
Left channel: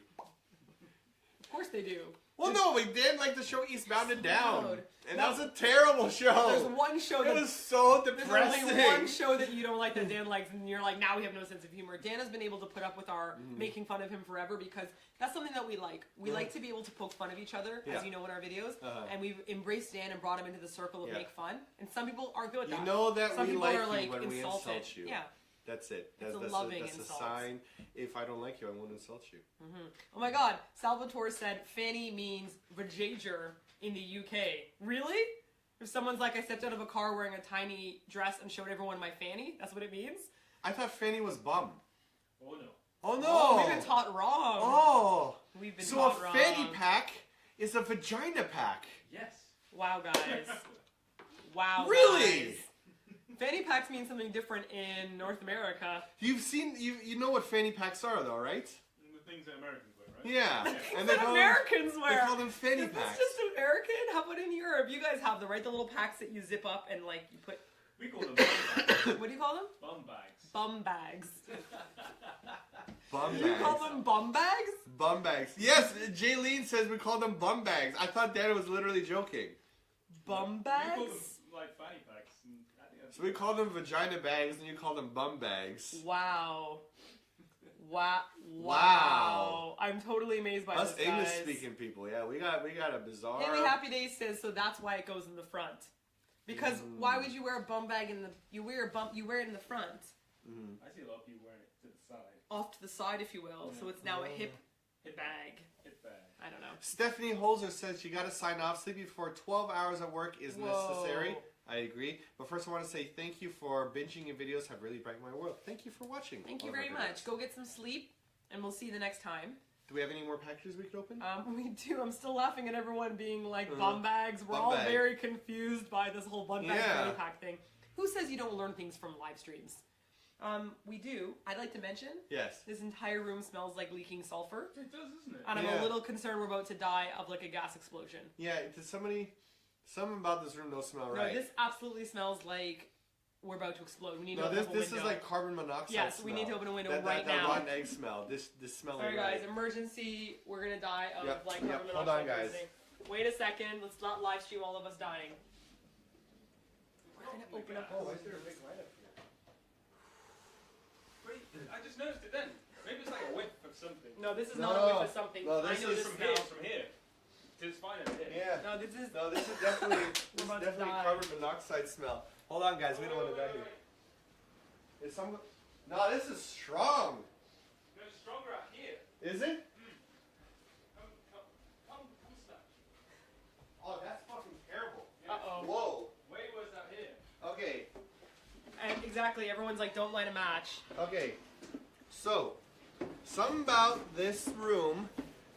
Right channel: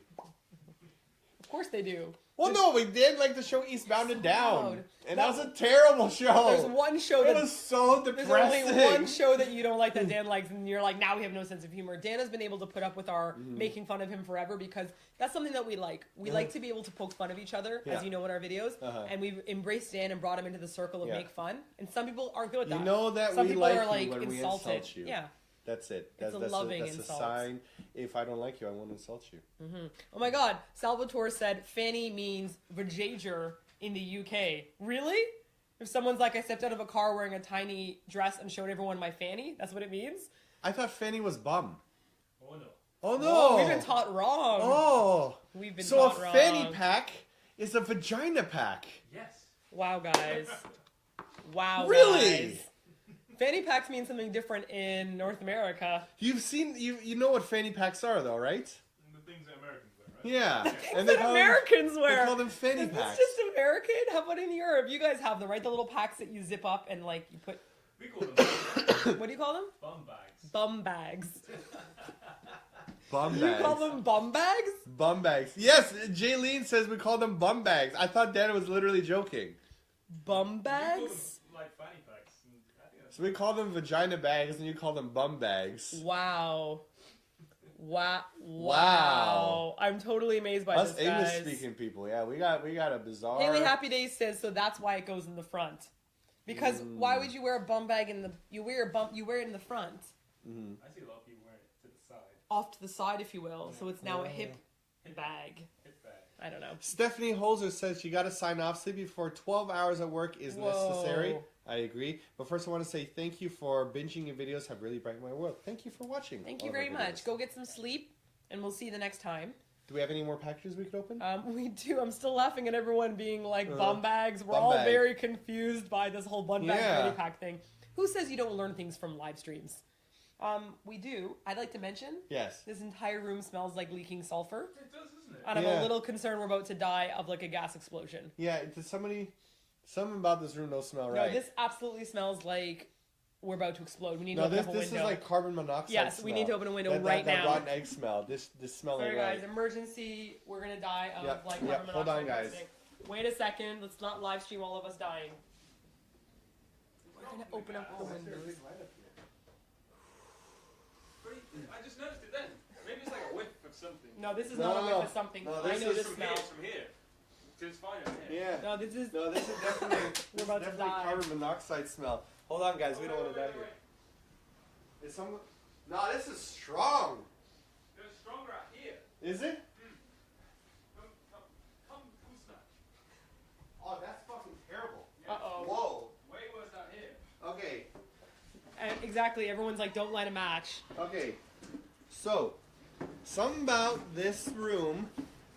Of course they do. Well, no, we did like the show Eastbound and Down, and that was a terrible show. There's one show that is so depressing. There's only one show that you don't like that Dan likes, and you're like, now we have no sense of humor. Dan has been able to put up with our making fun of him forever because that's something that we like. We like to be able to poke fun of each other, as you know in our videos, and we've embraced Dan and brought him into the circle of make fun. And some people aren't good at that. You know that some we people like are like you when insulted. we insult you. Yeah. That's it. It's That's a loving that's insult. a sign. If I don't like you, I won't insult you. Oh my god. Salvatore said fanny means vajager in the UK. Really? If someone's like, I stepped out of a car wearing a tiny dress and showed everyone my fanny, that's what it means? I thought fanny was bum. Oh no. Oh no. Oh, we've been taught wrong. Oh. We've been so taught a wrong. fanny pack is a vagina pack. Yes. Wow, guys. Wow, Really? guys. Fanny packs mean something different in North America. You've seen, you know what fanny packs are though, right? The things that Americans wear, right? Yeah. And Americans wear. They call them fanny Is packs. this just American? How about in Europe? You guys have them, right? The little packs that you zip up and like you put. We call them What do you call them? bum bags. Bum bags. Bum You bags. call them bum bags? Bum bags. Yes, Jaylene says we call them bum bags. I thought Dan was literally joking. Bum We call them bags? like fanny packs. And I think that's So we call them vagina bags and you call them bum bags. Wow. Wow. Wow. I'm totally amazed by Us this, guys. English speaking people, yeah, we got a bizarre. Haley Happy Days says, so that's why it goes in the front. Because why would you wear a bum bag in the? You wear it in the front, I see a lot of people wearing it to the side. off to the side, if you will. So it's now a hip bag. Hip bag. I don't know. Stephanie Holzer says you got to sign off. Sleeping for 12 hours at work is necessary. I agree. But first, I want to say thank you for binging your videos. Have really brightened my world. Thank you for watching. Thank you all of our very much. videos. Go get some sleep, and we'll see you the next time. Do we have any more packages we could open? We do. I'm still laughing at everyone being like bum bags. We're bum all bag. very confused by this whole bum bag Yeah. fanny pack thing. Who says you don't learn things from live streams? We do. I'd like to mention Yes. this entire room smells like leaking sulfur, It does, isn't it? and I'm Yeah. a little concerned we're about to die of like a gas explosion. Yeah, does something about this room don't smell right? No, this absolutely smells like we're about to explode. We need to No, open up a this window. is like carbon monoxide. Yes, smell. we need to open a window that right that now. rotten egg smell. This smell ain't Sorry guys, right. emergency. We're gonna die of Yep, like yep, carbon hold monoxide. on, guys. poisoning. Wait a second. Let's not live stream all of us dying. We're gonna open up our windows. I just noticed it then. Maybe it's like a whiff of something. No, this is No, not a whiff of something. no, I this know is this From smell. here, from here. It's fine over here. Yeah. No, this is. No, this is definitely We're about to die. carbon monoxide smell. Hold on, guys. We don't want to die here. Is some? No, this is strong. It's stronger out here. Is it? Come smell. Oh, that's fucking terrible. Uh-oh. Whoa. Way worse out here. Okay. And exactly, everyone's like, don't light a match. Okay. So, something about this room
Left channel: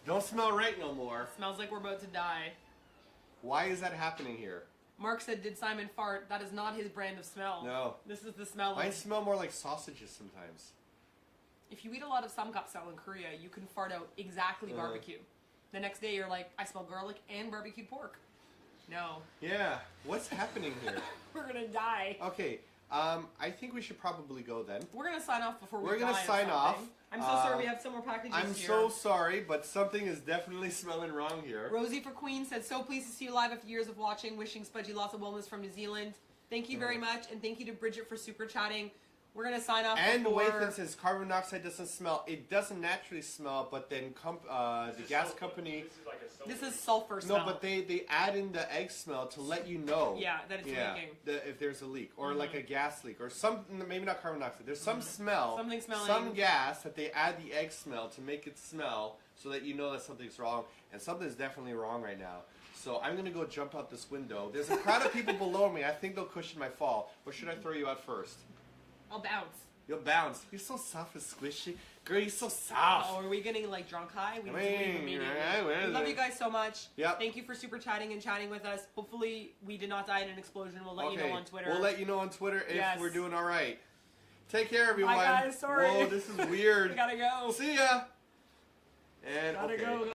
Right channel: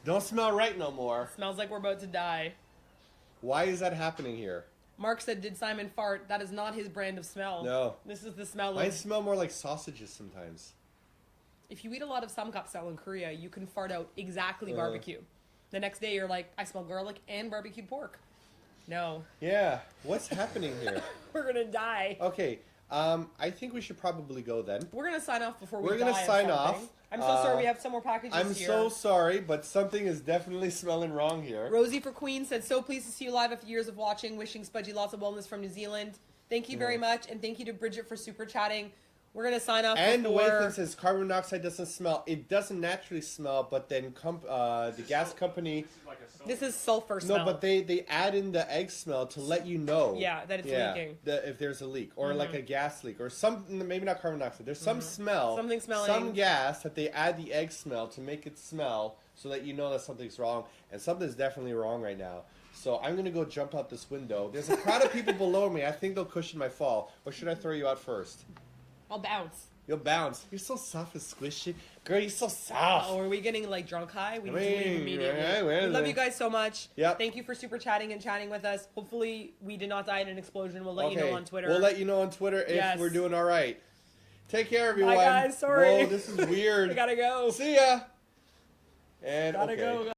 don't smell right no more. Smells like we're about to die. Why is that happening here? Mark said, did Simon fart? That is not his brand of smell. No. This is the smell Mine of... smell more like sausages sometimes. If you eat a lot of samgyeopsal in Korea, you can fart out exactly barbecue. The next day, you're like, I smell garlic and barbecued pork. No. Yeah. What's happening here? We're gonna die. Okay. I think we should probably go then. We're gonna sign off before we We're die. gonna of sign off. something. I'm so sorry, we have some more packages I'm here. so sorry, but something is definitely smelling wrong here. Rosie for Queen said, so pleased to see you live after years of watching. Wishing Spudgy lots of wellness from New Zealand. Thank you very much, and thank you to Bridget for super chatting. We're gonna sign off And before... Wathan says carbon monoxide doesn't smell. It doesn't naturally smell, but then the gas company. This is like a This is sulfur smell. No, but they add in the egg smell to let you know. Yeah, that it's leaking. If there's a leak or like a gas leak or some, maybe not carbon monoxide. There's some smell, Something smelling. some gas that they add the egg smell to make it smell so that you know that something's wrong, and something's definitely wrong right now. So I'm gonna go jump out this window. There's a crowd of people below me. I think they'll cushion my fall. Or should I throw you out first? I'll bounce. You'll bounce. You're so soft and squishy. Girl, you're so soft. Oh, are we getting like drunk high? We need to leave immediately. yeah, We love you guys so much. Yep. Thank you for super chatting and chatting with us. Hopefully we did not die in an explosion. We'll let you know on Twitter. We'll let you know on Twitter if Yes. we're doing all right. Take care, everyone. Bye guys, sorry. Whoa, this is weird. I gotta go. See ya. And Gotta okay. go.